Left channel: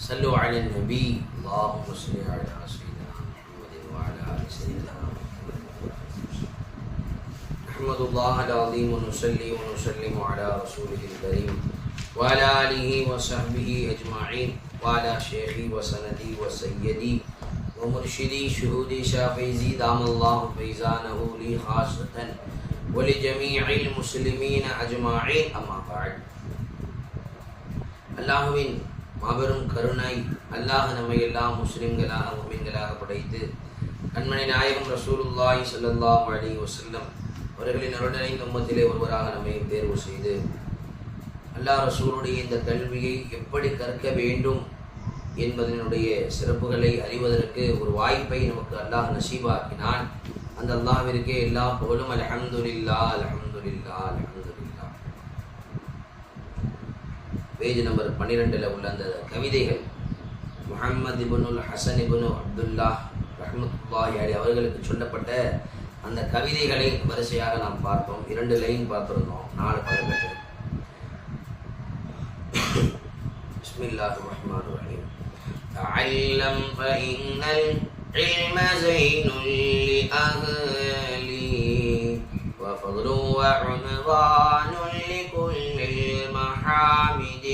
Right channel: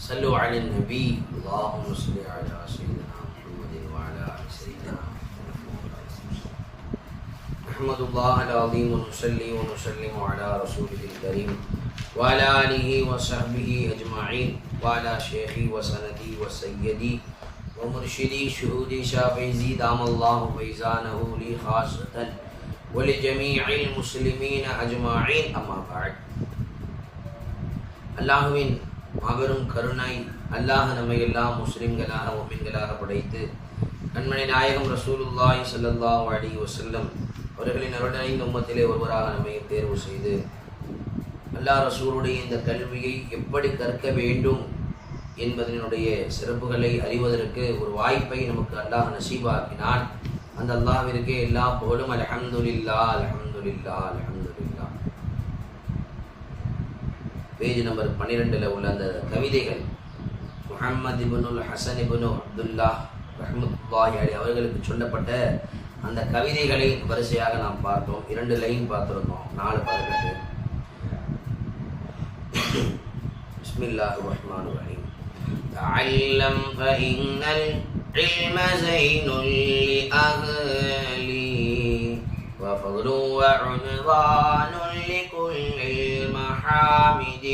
صلوا على النبي اللهم صل على سيدنا محمد وعلى آل سيدنا محمد. نحمد الله العظيم ونصلي ونسلم على رسوله الكريم وعلى آله وصحبه أجمعين وعلى شيخي وسندي وسيدي ومرشدي شهودي شافيزي دام الله فيزانه لي خاصة ولجميع المسلمين أجمعين. أما بعد. அல்லாஹுவின் மாபெரும் கருணை, அல்லாஹ் நம்மை எல்லாம் முஸ்லிம்களாக முஃமின்களாக படைத்து கண்மணி நாயகம் ரசூலுல்லாஹி ஸல்லல்லாஹு அலைஹி வஸல்லம் அவர்களின் அருள்நிறைந்த உம்மத்திலே ஒருவராக நம்மையும் தேர்வு செய்து அல்லாஹ் ரசூலுடைய இந்த கல்வியை எப்படி கற்க வேண்டும் என்பதனுடைய சிறப்புகளை அறிவதற்கு ஒரு வாய்ப்பை நமக்கு அல்லாஹ் நசீபாக்கினான். அந்த அல்லாஹ்விற்கே எல்லா புகழும். அல்ஹம்துலில்லாஹ் அல்ஹம்துலில்லாஹ் அல்ஹம்துலில்லாஹ். பேஜ் நம்பர் 12 உள்ள அந்த கவிதைகள் முஹம்மது இப்னுல் ஹசன் இப்னு அப்துல்லாஹ் ரஹ்மத்துல்லாஹி அலைஹி அவர்களுக்கு சொல்லப்பட்ட அந்த கவிதைகளை வரிசையாக நாம் பார்த்தோம். 2 லைன் பார்த்திருந்தோம், 4 பதங்கள். பிஸ்மில்லாஹிர் ரஹ்மானிர் ரஹீம். தஅல்லம் ஃபஇன்னல் இல்ம ஸைனுல் லிஅஹ்லி وفضل وعنوان لكل المحامد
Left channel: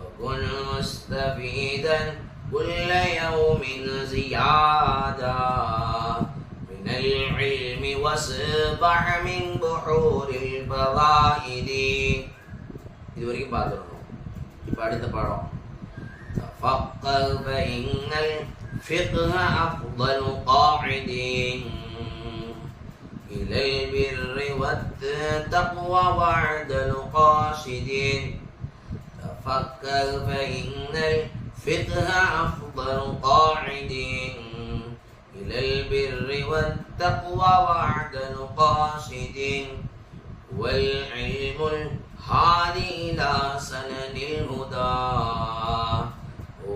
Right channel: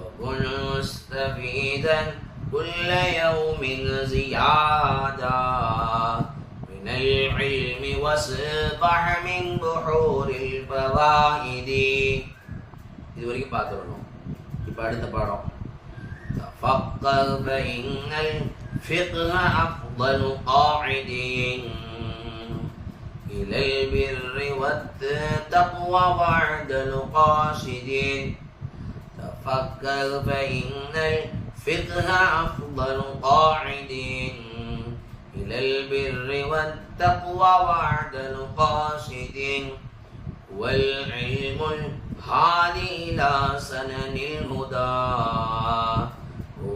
وكن مستفيدا كل يوم زيادة من العلم واصبح من بحور الفوائد. இது வரைக்கும் பார்த்துடணும். இப்போ அடுத்த பாடம். تفقه فإن الفقه أفضل قاعد إلى البر والتقوى بعد القاصد. تفكر فإن الفقه أفضل قاعد إلى البر والتقوى بعد القاصد والعلم الهادي إلى سنن الهدى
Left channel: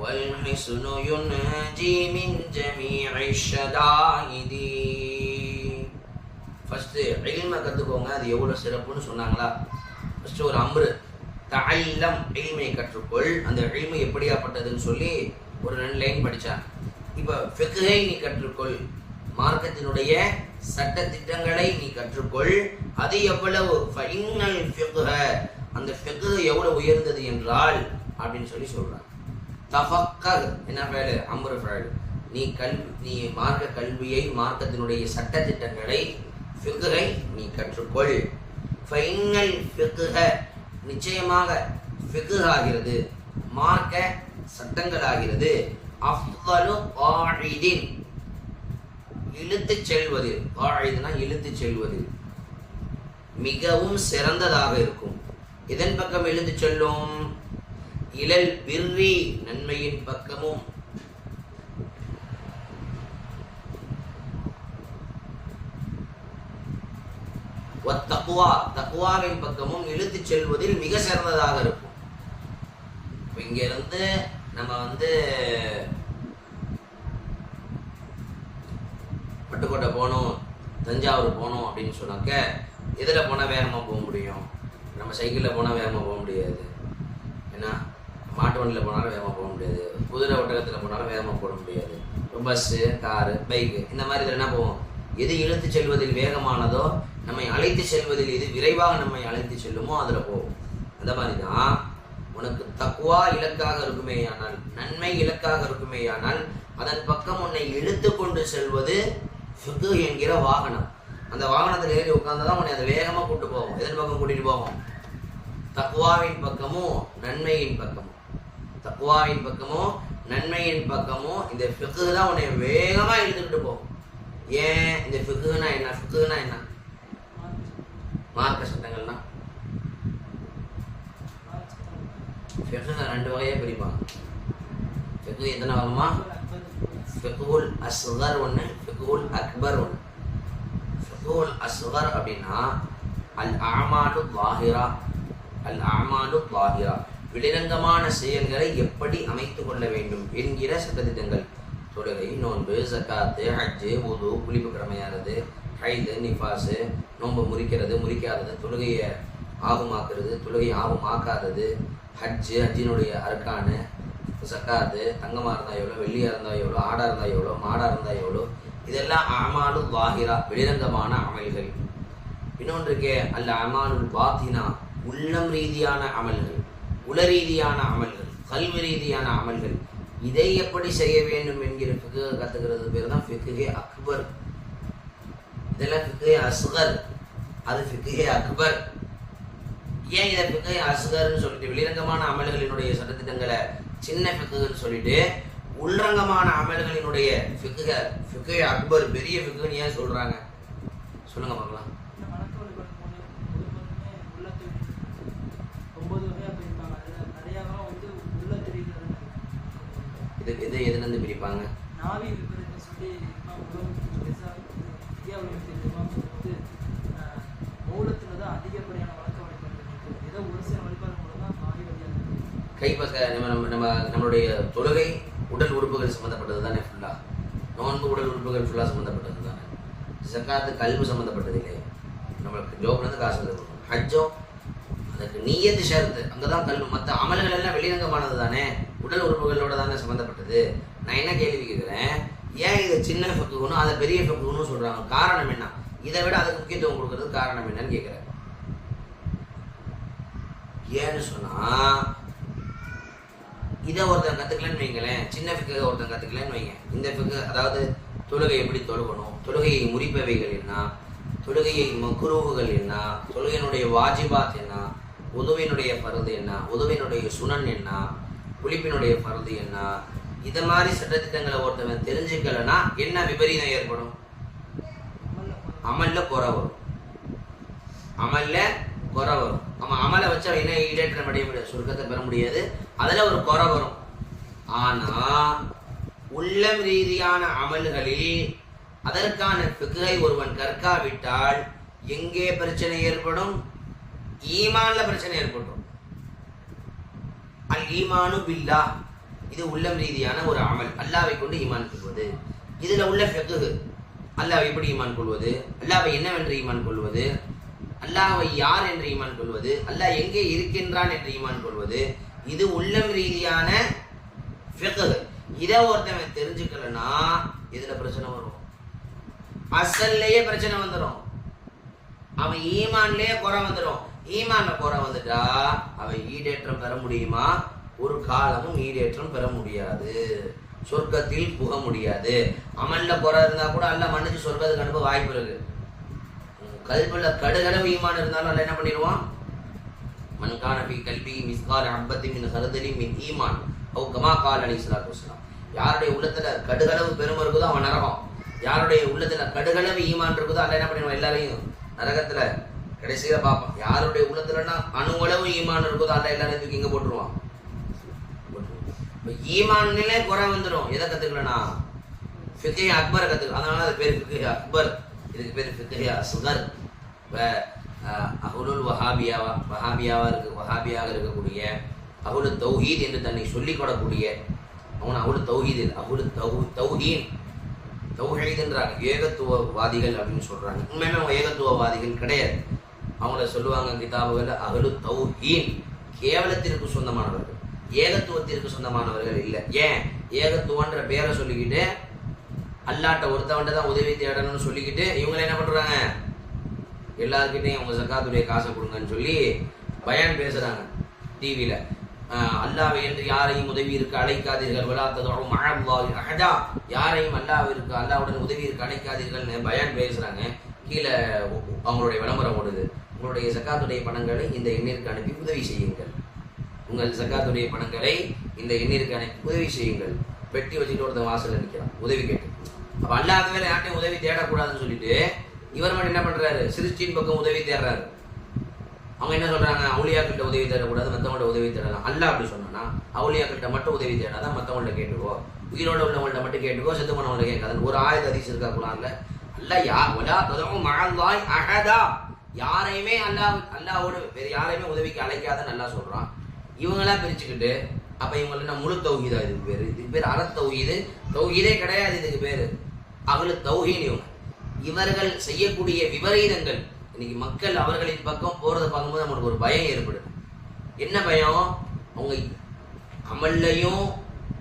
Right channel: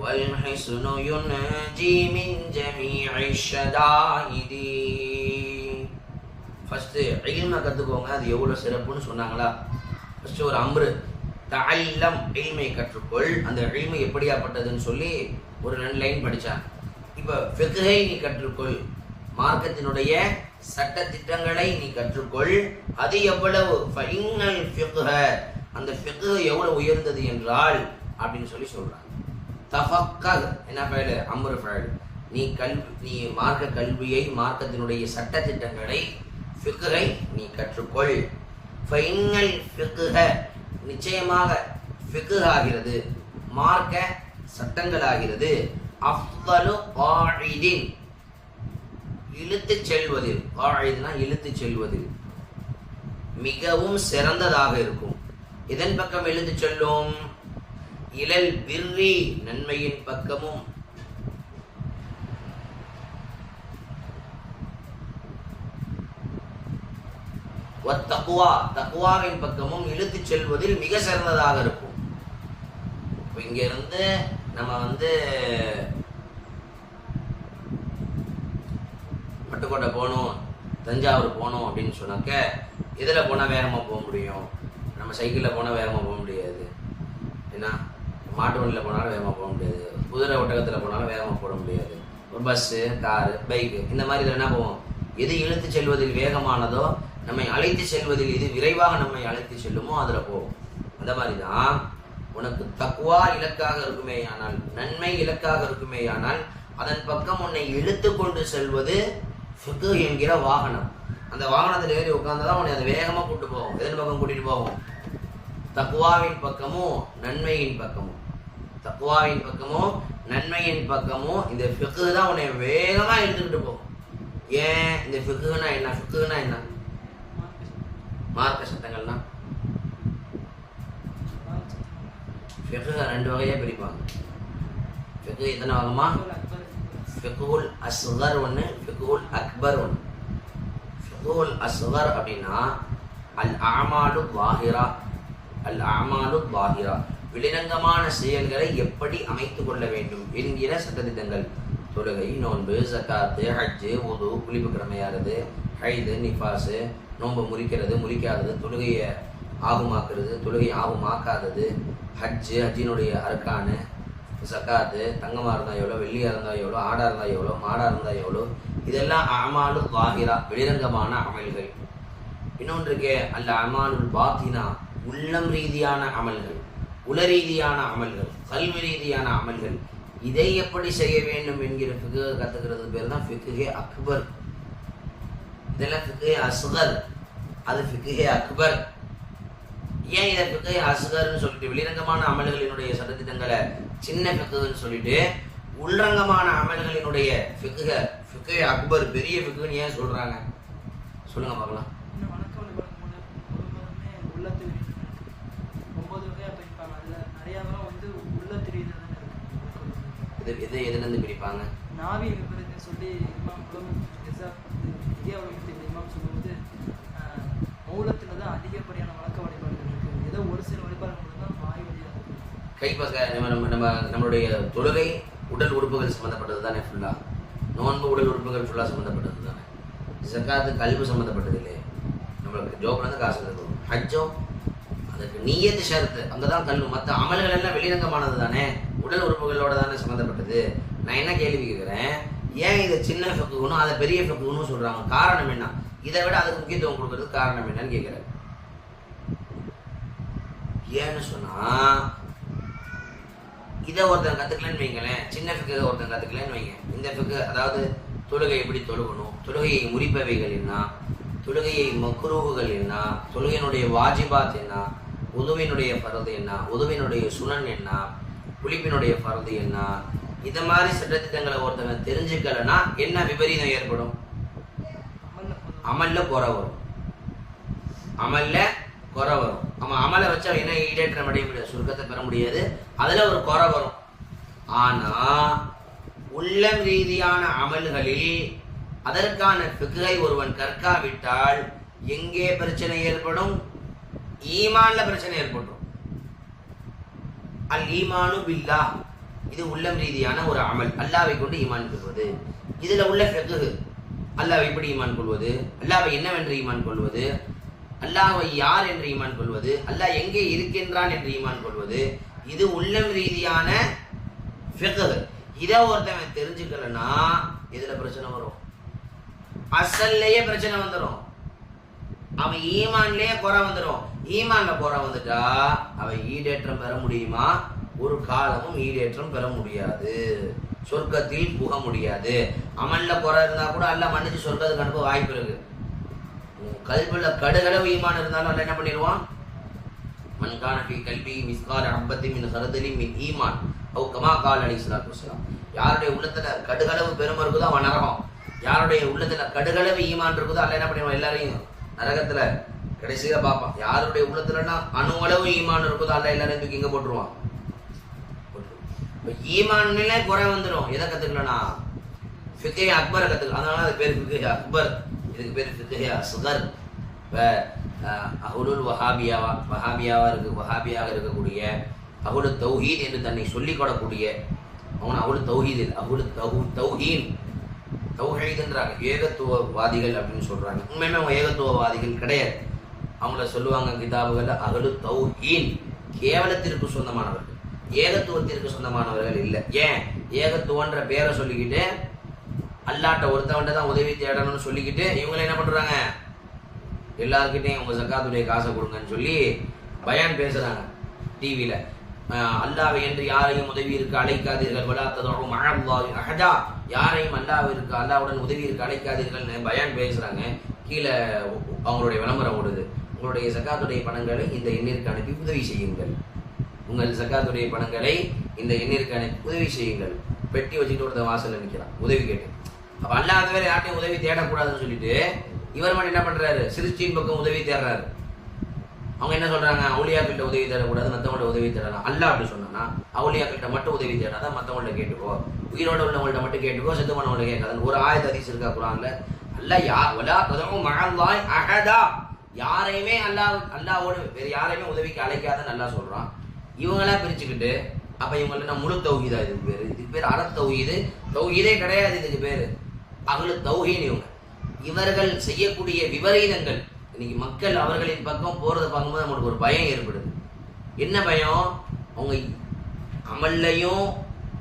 والحسن ينجي من جميع الشدائد. ஃபஸ்ட்டு இல்மை கற்றுக்கோங்க, அது எவ்வளோ சிறப்புன்னு சொன்னாங்களா? ஃபஸ்ட்டு ஒரு அம்ரு, தஅல்லம் இல்மை கற்றுக்கொள். அந்த இல்மை எப்படியாப்பட்டதுன்னு சொல்லி ஒரு 2 லைன் படித்தான். இப்போ ஃபிக்ஹை நீ கற்றுக்கொள், மார்க்கத்தினுடைய சட்ட திட்டங்களை நீ கற்றுக்கொள். அது எவ்வளவு? ஃபஇன்னல் ஃபிக்ஹ, அந்த ஃபிக்ஹ் எவ்வளவு உயர்ந்தது என்றால் அப்படின்னு சொல்லி சொல்கிறான். தஃபக்கஹ் என்ன ஃபைல்? அம்ரு ஃபைல். நீ மார்க்க கல்வியை, மார்க்கத்தினுடைய சட்ட திட்டங்களை, ஃபிக்ஹை நீ கற்றுக்கொள். ஃபைனல் ஃபிக்ஹ, நிச்சயமாக ஃபிக்ஹ் ஆகிறது, மார்க்க சட்டங்கள் ஆகிறது. அஃதலு காயிதின், இழுத்துச் செல்வதில், காயிதுனா இழுத்துச் செல்வதில் மிகவும் சிறந்ததாக இருக்கும். இதன் பக்கம் இழுத்துச் செல்லும்? இலல் பிர்ரி, நன்மையின் பக்கமும், தக்குவா, தக்குவாவின் பக்கமும் இழுத்துச் செல்வதில் மிக சிறந்ததாக இருக்கும். இப்போ இங்க இருந்து நம்ம பட்டுக்கோட்டை போகணும், தஞ்சாவூர் போகணும் அப்படின்னு சொன்னாக்க இதில் போனால் வேகமாக போக முடியும். நம்ம சைக்கிளில் போனால் வேகமாக போக முடியாது. ஏன்னா மாட்டு வண்டியில் போனாலும் வேகமாக போக முடியாது, குதிரை ஒட்டகத்தில் போனாலும் வேகமாக போட முடியாது. பஸ்ஸு, காரு, பைக்கு, இந்த மாதிரி இதில் என்ன போவோம்? எது இழுத்து செல்வதில் வேகமானதோ, நம்மை அழைத்து செல்வதில் எது விரைவாக நம்மை அழைத்து செல்லுமோ அதில் போகும். அந்த மாதிரி தான் உனக்கு தக்குவா இலக்காக இருக்குமே ஆனால், நன்மை இலக்காக இருக்குமே ஆனால், அதன் பக்கம் உன்னை இழுத்து கொண்டு செல்வது ஃபிக்ஹ் என்கிற வாகனம். அந்த வாகனத்தில் ஏறி உட்கார்ந்தாதான் உன்னை அதை வேகமாக கூட்டு போகும். எதன் பக்கம் கூட்டிட்டு போகும்? தக்குவாவின் பக்கமும் நன்மையின் பக்கமும், தக்குவாவின் பக்கமும் நன்மையின் பக்கமும் இந்த ஃபிக்ஹ் தான் உன்னை வேகமாக இழுத்துக்கிட்டு போகும். ஏன்? இந்த ஃபிக்ஹ்னா என்ன? ஃபிக்ஹ்னா என்ன? மார்க்க சட்டங்கள்னா ஃபிக்ஹ் 2 வகையா பிரிப்பாங்க. ஃபிக்ஹ் எத்தனை வகைமா? ஃபிக்ஹுல் அஸ்கர் ஒன்று, ஃபிக்ஹுல் அக்பர் ஒன்று. ஃபிக்ஹுல் அஸ்கர் அப்படின்னா அல் அமாலு ظாஹிரா, அல் அமாலு ظாஹிரா, வெளிரங்கமான செயல்களை எப்படி அமைத்துக் கொள்ள வேண்டும் என்கிற சட்டத்திட்டங்கள். தொழுகை, நோன்பு, ஜக்காத்து, ஹஜ்ஜு, வுது, குளிப்பு கடமையாகிறது, ஹைது, நிஃபாஸு, நோன்பு முறிக்கிறது, முறிக்காதது, தொழுகையை ஆகுமாக்குறது, தொழுகை ஆகுமாக்காதது, ஹஜ்ஜு, ஹஜ்ஜினுடைய அர்கானு, சக்காத்து, தங்கமாக இருந்தால் எவ்வளோ, வெள்ளியாக இருந்தால் எவ்வளோ, ஆடாக இருந்தால் எவ்வளோ, மாடாக இருந்தால் எவ்வளோ, இதெல்லாம் அமாலு வாஹிரா, வெளிரங்கமான அமல்கள். இன்னொன்று இருக்கே அல்ல அமாலுல் பாத்தினா, உள்ளம் ரீதியான அமல்கள், உள ரீதியான அமல்கள், கல்வி ரீதியான அமல்கள். இதை எப்படி செய்ய வேண்டும் என்கிற ஃபிக்ஹ் கற்றுக்கிறது பேர் தான் ஃபிக்ஹே அக்பர். இதெல்லாம் ஃபிக்ஹே அஸ்கர், அது ஃபிக்ஹே அக்பர். ஏன் இதை ஃபிக்ஹே அஸ்கர்னு சொல்லிட்டு வெளிரங்கமான அமல்களினுடைய சட்டத்திட்டங்களை சின்ன ஃபிக்ஹ்னு சொல்லிட்டு உள்ரங்கமான அமல்களினுடைய ஃபிக்ஹே அக்பர் பெரிய ஃபிக்ஹ்னு ஏன் சொல்றாங்க? சொல்லுங்க பார்க்கலாம். எது எதுலேருந்து பிரிப்பாங்க? கை பக்க நம்மளுடைய தொழுகை உடல் உறுப்புகள் சம்மந்தப்பட்டது தானே ஃபுல்லா. நோன்பு உடல் உறுப்புகள் ஃபுல்லா சம்மந்தப்பட்டது தானே. ஜக்காத்து கல்வி சம்மந்தப்பட்டது இல்லையே. நம்மளுக்கு ஜோப்லேருந்து காசு கொடுக்கணும். ஹஜ்ஜும் அதுக்கு நீயத்து ஷரத்து, அங்கதான் கல்வி. மற்ற அமல்கள் எல்லாம் வெளிரங்கமானது தானே, உடல் உறுப்புகளோட தானே சம்மந்தப்பட்டது. நான் என்ன கேள்வி கேட்கிறேன், ஏன் இதை சின்ன ஃபிக்ஹுனும் அதை பெரிய ஃபிக்ஹுனும் சொல்றாங்க? காரணம் என்ன? இதை விட அதுக்கு முக்கியத்துவம் கொடுக்கறதுக்கு காரணம் என்னன்னு கேட்கிறேன். ஏன்னு சொன்னா, இதை ஒருத்தன் கத்துக்கலன்னு வைங்களேன், சின்ன ஃபிக்ஹை ஒருத்தன் கத்துக்கலன்னு வைங்க, இந்த ஃபிக்ஹ் அதாவது தொழுகை எப்படி தொழுகணும், தொழுகையை முறிப்பவைகள் என்ன, தொழுகையை மக்ரூஹுகள் என்ன, தொழுகையினுடைய வாஜிபாத் என்ன, உதுவினுடைய ஃபர்து என்ன, உதுவினுடைய சுனன் என்ன, குளிப்பினுடைய ஃபர்து என்ன, இது மாதிரி சட்டத்திட்டங்களை ஒருத்தவன் தெரிஞ்சுக்கலன்னா என்ன விபரீதம் ஏற்படும்? அமல்ல குறை வரும். அமல்ல குறை வரும். அவன் அமலை வச்சா என்ன ஈடேற்றம் அடைய முடியாது, சுருக்கத்தை பெற முடியாது, அதுல ஒரு குறை வரும். ஆனா உள்ளம் ரீதியான அமல்களில் அதற்கான ஃபிக்ஹை ஒருவன் கற்காவிட்டால் எங்கே பிரச்சனை ஏற்படும்? ஈமான்ல பிரச்சனை ஏற்படும். அல் ஈமானு பில்லாஹ், இது உள்ளம் ரீதியான ஒரு அமல், அல்லாவை கொண்டு ஈமான் கொள்வது. இதுல உள்ள ஃபிக்ஹ், அல்லாவை எப்படி ஈமான் கொள்வது, அல்லாவை என்னவென்று ஈமான் கொள்வது, அல்லாவை யார் என்று ஈமான் கொள்வது, அல்லாஹ் எங்கே இருக்கின்றான் என்று ஈமான் கொள்வது, இது உள்ளம் ரீதியான ஃபிக்ஹ். இதை ஒருத்தவன் தெரிஞ்சுக்கலன்னா இதுல பிரச்சனை வரும். அசல்லையே பிரச்சனை வந்துடும். அவன் ஈமான்லயே குறை வந்துடும். ஈமான்ல குறை வந்துட்டா அவன் ஈடேற்றம் பெற முடியுமா? ஒரு காலமும் ஈடேற்றம் பெற முடியாது, சொர்க்கத்தில் புக முடியாது. அமல்ல குறை இருந்தா கூட அல்ல மன்னிச்சு சொர்க்கத்துக்கு அனுப்ப வாய்ப்பு இருக்கு. கல்வில கடுகளவு ஈமான் இருந்தாலும் அல்ல என்ன பண்ணிடுவான்? மன்கான ஃபீ கல்பி மிஸ்கால் ஹப்பத்தி மின் ஹர்தலி மின் ஈமான் அவ் கமா கால் அலைஹிஸ்ஸலாத்து வஸ்ஸலாம். யாருடைய உள்ளத்துல கடுகளவு பெருமை இருக்குதோ அவன் நரகம். யாருடைய உள்ளத்துல கடுகளவு ஈமான் இருக்குதோ அல்ல என்ன பண்ணிடுவான்? எல்லாரையும் நரகத்துல கடைசியில பார்ப்பான். யாருடைய உள்ளத்துலன்னா அணுவளவு ஈமான் இருக்குதோ அல்ல எல்லாரையும் தூக்கி இங்க போட்டுருவான். ஈமான்ல குறை வந்துடும். எதை கத்துக்கலனா ஃபிக்ஹே அக்பரை கத்துக்கலாம். அதனால அது பேர் ஃபிக்ஹே அக்பர், இதுக்கு பேர் ஃபிக்ஹே அஸ்கர். இப்ப அஹ்லுல் வஹாபியாவா இருக்கு, வஹாபியாக இருக்கக்கூடிய அஹ்லு தௌஹீத் என்று தன்னை சொல்லிக் கொள்ளக்கூடிய அவன் அஹ்லு தௌஹீத் இல்லை, அஹ்லு தௌஹீன், தௌஹீத்ன்றாங்க, ஏகத்துவவாதிகள் அப்படின்னு சொல்றாங்க. உண்மையுமே அவங்க ஏகத்துவவாதிகள் கிடையாது. அவங்கள சொல்லுவாங்க கிதாபுகள் அஹ்லு தௌஹீன், கேவலத்திற்கு சொந்தமானவர்கள், ஏகத்துவத்திற்கு சொந்தமானவர்கள் இல்லை. ஏன் ஏகத்துவன்ற பேரை சொல்லிக்கிட்டு அல்லாட்ட ஒருத்தவன்ட்ட தான் உதவி தேடணும்னு சொல்லிக்கிட்டு இவங்களை என்ன பண்றாங்க? எல்லாருக்கிட்டையும் உங்க ஜக்காத்துடைய காசை கொடுங்கன்னு சொல்லி பயான் பேசுறாங்க டிவியில. அல்லாஹ்வை என்று யாரையும் உதவியிற்கு அழைக்காதீர்கள், வலா ததுஉ மஅல்லாஹி அஹதா, யாரையும் அல்லாஹ்வுடன் உதவியிற்கு அழைக்காதீர்கள்னு பயான் பேசுறாங்க. கீழே அவங்களுடைய விளம்பரம் ஓடுது, உங்களுடைய ஜக்காத்துடைய பணங்களை இந்த எண்ணிற்கு அனுப்பி உதவி செய்யுங்கள், உங்கள் ஜக்காத்துடைய பணங்களை இந்த எண்ணிற்கு அனுப்பி உதவி செய்யுங்கள். பெட்டி வச்சுட்டு ஒருத்தன் வாசல்ல நிற்கிறான் உதவி கேட்டு. அப்ப அல்லாஹ் வேற யார்ட்டையும் உதவி தேடக்கூடாதுன்னு சொல்லிட்டு இவர் மட்டும் என்ன பண்றாரு? சிருஷ்டியின் பக்கம் உதவி தேடுறாரு. அவங்க என்ன சொல்றாங்க? அவுலியாக்கள்கிட்ட உதவி தேடக்கூடாது, மற்றவங்கள்ட்ட உதவி தேடலாம். அல்லாஹ் அப்படி சொன்னா அவுலியாக்கள்கிட்ட மட்டும் உதவி தேடாதான், மற்றவங்கள்ட்ட கேட்டுக்கோ, உயிரோட உள்ளவங்கள்ட்ட மட்டும் கேட்டுக்கோ, செத்து போனவங்கள்ட்ட கேட்காதுன்னு ஒரு ஆயத் ஹதீஸ் இருக்கா குர்ஆன்ல? அல்லாஹ் வலா ததுஉ மஅல்லாஹி அஹதா, யாரையுமே அல்லாஹ்வோடு வேற யாரையுமே உதவிக்கு அழைக்காதன்னு அல்லாஹ் சொல்றான். இவங்களா பிரிச்சுக்கிட்டு அப்ப இவங்கள்ட்ட முழு தௌஹீதா? இதுக்கு பேர் அற தௌஹீது, தௌஹீதே கிடையாது, இதுக்கு பேரு அஹ்லு தௌஹீன். இவர்கள் செய்யக்கூடிய விபரீதங்கள் இன்னைக்கு மக்கள் அவர்களின் பக்கம் போறதை பார்க்கும்போது நம்மளுக்கு ஒரு பயம் ஏற்படுது. என்ன பயம்? அவங்க அமல்லையும்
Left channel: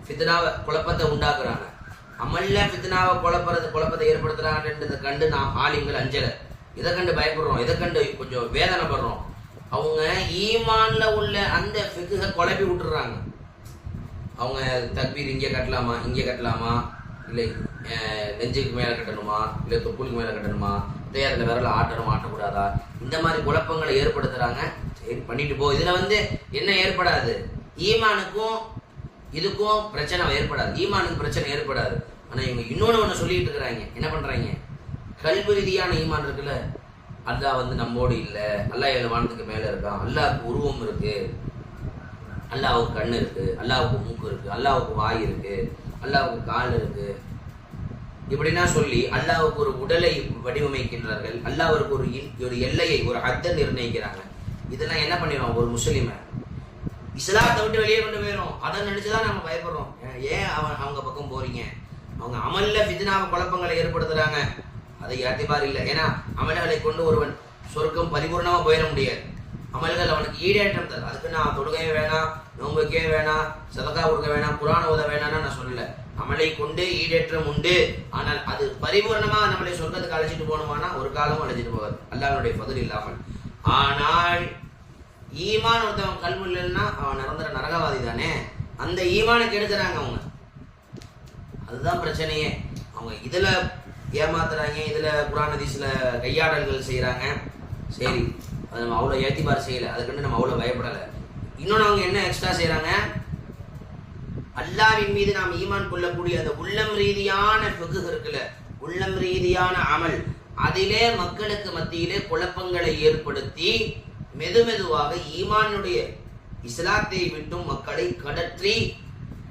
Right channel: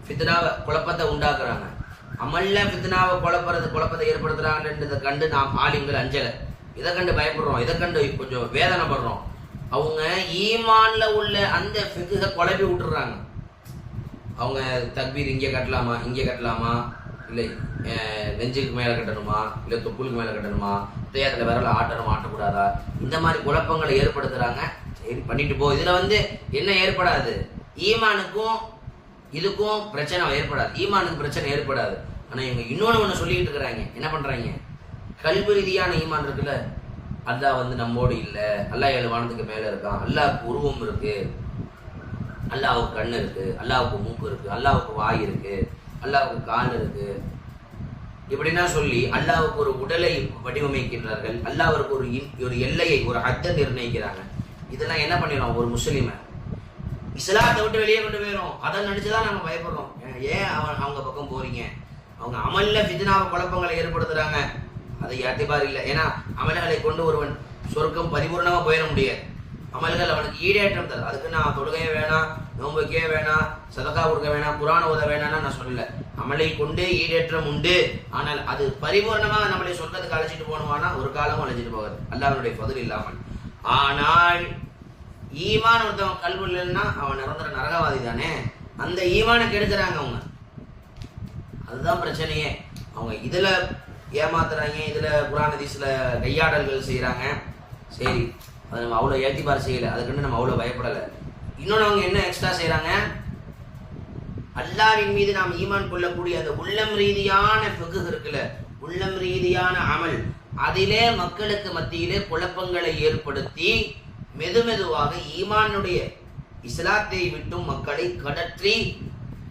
ஃபித்னாவை குழப்பத்தை உண்டாக்குறாங்க. அமல்ல ஃபித்னாவை குழப்பத்தை ஏற்படுத்துறாங்கன்றதை கண்டு நாம் ஆலிம்கள் அஞ்சல, இதை கண்டு பயப்படுறோம், இதை கண்டு கொஞ்சம் வேதனைப்படுறோம். அவங்க ஈமான்ல உள்ள அந்த ஃபிக்ஹை குழப்பி விட்டுறாங்க. அவங்க தக்பீர் இங்கே கட்டலாமா, இங்கே கட்டலாமா, இல்லை நெஞ்சுக்கு மேலே கட்டணுமா, இல்லை தொப்புளுக்கு மேலே கட்டணுமா, தேயத்தில் விரல ஆட்டணும் ஆட்டக்கூடாதா, இந்த மாதிரி குழப்பங்களை ஏற்படுத்துறாங்க. சரி பண்ணிட்டு போ. இதுல என்ன ஏற்படாது, ஈமானுக்கும் இதுக்கும் பிரச்சனை ஏற்படாது, ஈமானுக்கு பிரச்சனை ஏற்படாது. ஆனா இவங்க இன்னொன்னு சொல்லிட்டு இருக்கிறாங்க. என்ன பண்றாங்க, கல்வி ரீதியான ஈமான் இருக்குல்ல, அல்லாஹ் நம்மோடு இல்லை, அல்லாஹ் 7 வானத்துக்கு மேல இருக்கான், அல்லாஹ்வுக்கு உருவம் இருக்கு, அல்லாஹ்வுக்கு கண்ணு இருக்கு, அல்லாஹ்வுக்கு மூக்கு இருக்கு, அல்லாஹ்வுக்கு வாய் இருக்கு, அல்லாஹ்வுக்கு கால் இருக்கு, இப்படின்னா சொல்லி அல்லாஹ்வுக்கு ஒரு உடலை வடிவமைக்கின்றார்கள். அல்லாஹ்வுக்கு ஒரு எல்லையை, ஒரு ஹத்தை நிர்ணயிக்கிறாங்க. இதெல்லாம் என்ன பண்ணிடும், ஒரு முஸ்லிமை இஸ்லாத்தை விட்டு வெளியே கொண்டு போயிடும். அதை நினைச்சுதான் நம்ம பயப்படுறோம். ஏன் அவங்க பக்கம் போறீங்க, அவங்க அமல்ல ஃபித்னாவை குழப்பங்களை ஏற்படுத்துறாங்க, அதை யாத்திபார் இல்லை. ஏன்னா அமல்களை கொண்டு ஒருவன் சொர்க்கம் பரிபூர்ணமா போயிட முடியாது. அமல்கள் அவனுக்கு ஈடேற்றம் தரும். அதுக்கு நான் தொழுகையே வேணாம், நோம்புக்கே வேணாம், சதகா கொடுக்க வேணாம், குர்ஆன் ஓத வேணாம்னு நான் சொல்லல. அமலை கொண்டு ஈடேற்றம் உண்டு. ஆனால் அது பரிபூர்ணமா நம்மளை சொர்க்கத்துக்கு அழைச்சிட்டு போகணுமானா ஒரு காலமும் அழைச்சிட்டு போகாது, அல்லாஹ்வுடைய ஃபضل இல்லாமல். ஆனால் ஈமான் ஒருத்தவன் கல்வி இல்லைன்னா அவன் நிரந்தர நரகவாதி தானே. அந்த ஈமானை கெடுக்கிறாங்க அவங்க. அதுதான் பிரச்சனையே. அவங்க இதுல ஏமாத்துறாங்க, இதுல குர்ஆன் ஹதீஸ்ல கையாடல்கள் செய்யறாங்க. சரி, அது நம்ம அவ்வளோ ஏத்திபார் செய்யல, அதுக்கு நம்ம அவ்வளோ பயப்படலை. இன்னொன்று அவங்க என்ன எக்ஸ்ட்ரா செய்யறாங்க, அல்லாஹ்வின் மீது நாம் ஈமான் கொள்ளக்கூடிய அந்த உள்ளம் ரீதியான ஃபிக்ஹ் இருக்குல்ல, உள்ளம் ரீதியான அமல், அதிலே மக்களுக்கு மத்தியிலே குழப்பங்களை ஏற்படுத்தி மெதுமெதுவாக ஈமானுடைய இஸ்லாத்தை விட்டும் மக்களை கடற்றி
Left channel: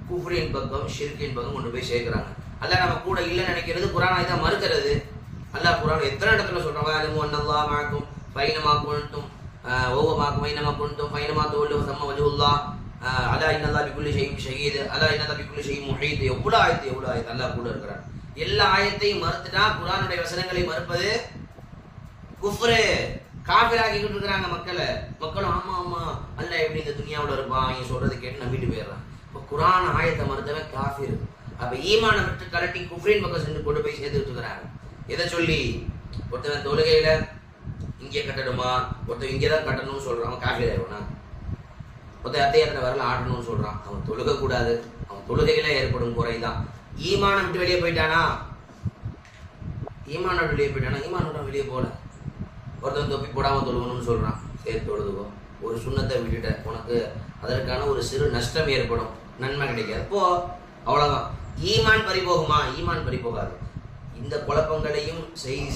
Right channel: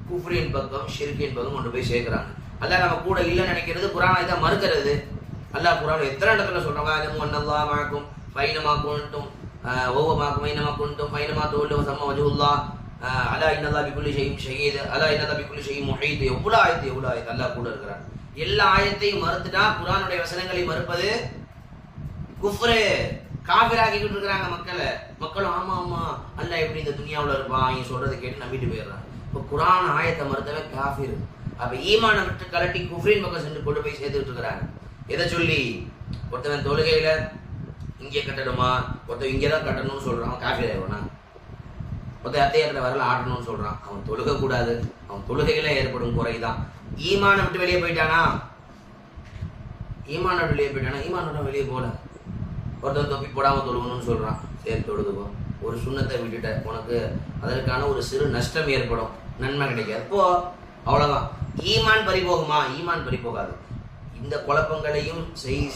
குஃப்ரின் பக்கம் ஷிர்கின் பக்கம் கொண்டு போய் சேர்க்கிறாங்க. அல்லாஹ் நம்ம கூட இல்லைன்னு நினைக்கிறது, குர்ஆனை தான் மறுக்கிறது. அல்லாஹ் குர்ஆன் எத்தனை இடத்துல சொல்றாங்க, அல்லாஹ் மாக்கும் ஃபைனமா குன்தும் ஓவமாக்கும் ஐனமா குன்தும் ஃபைனமா தோல்லு வஸம்ம வஜ்ஹுல்லாஹ் அலா இன்னல்லாஹ் பிகுல்லி ஷைஇன் ஷஹீத் அலா இன்னல்லாஹ் பிகுல்லி ஷைஇன் முஹீத். எவ்வளவு ஆயத்து அல்லாஹ் கூட இருக்கிறார். எல்லா ஆயத்தையும் மறுத்துட்டா குர்ஆனுடைய வசனங்களை மறுப்பது குஃப்ரு, காஃபிராக்கிட்டு இருக்கிறாங்க மக்களை. மக்களும் ஆமா ஆமா அல்லாஹ் எப்படி இந்த துனியாவுல இருப்பான், இங்க சொல்றதை கேட்டு நம்பிட்டு போயிடுறான். இப்போ குர்ஆன் ஆயத்தை மறுத்தவன் காஃபிர். அப்ப ஈமானை விட்டு கலட்டி குஃப்ரின் பக்கம் சென்று கொண்டு போய் சேர்த்துட்டு இருக்கிறாங்க. எதை சொல்லி, ஒருத்தவன் தொழுகையில இங்கே கட்டணுமா, ஒருத்தன் இங்கேதான் கட்டணும்னு சொல்றான், அவன் காஃபிர் ஆயிடுவானா? ஒருத்தன் அத்தையத்துல வரல ஆட்டணும்னு சொல்றான், அவன் தொழுக கூடாது, அவன் தொழுகையில ஏற்படும் குறைதான். ஈமானை விட்டு வெளியே போயிட்டானா, ஈமானோட வெளியே போல. ஒருத்தன் தொப்பி போடாம தொழுகணும்னு சொல்றான், சரி தொழுதுக்கோ. ஒரு சுண்ணத்தை விட்டுட்ட, உனக்கு அதற்கான ஒரு சிறு நஷ்டம் ஏற்படும், நன்மை கிடைக்காது, போ, அவ்வளவுதான். ஈமான் பறிபோகுமா? ஈமான் பறிபோகாது. இந்த குழப்பங்களையும்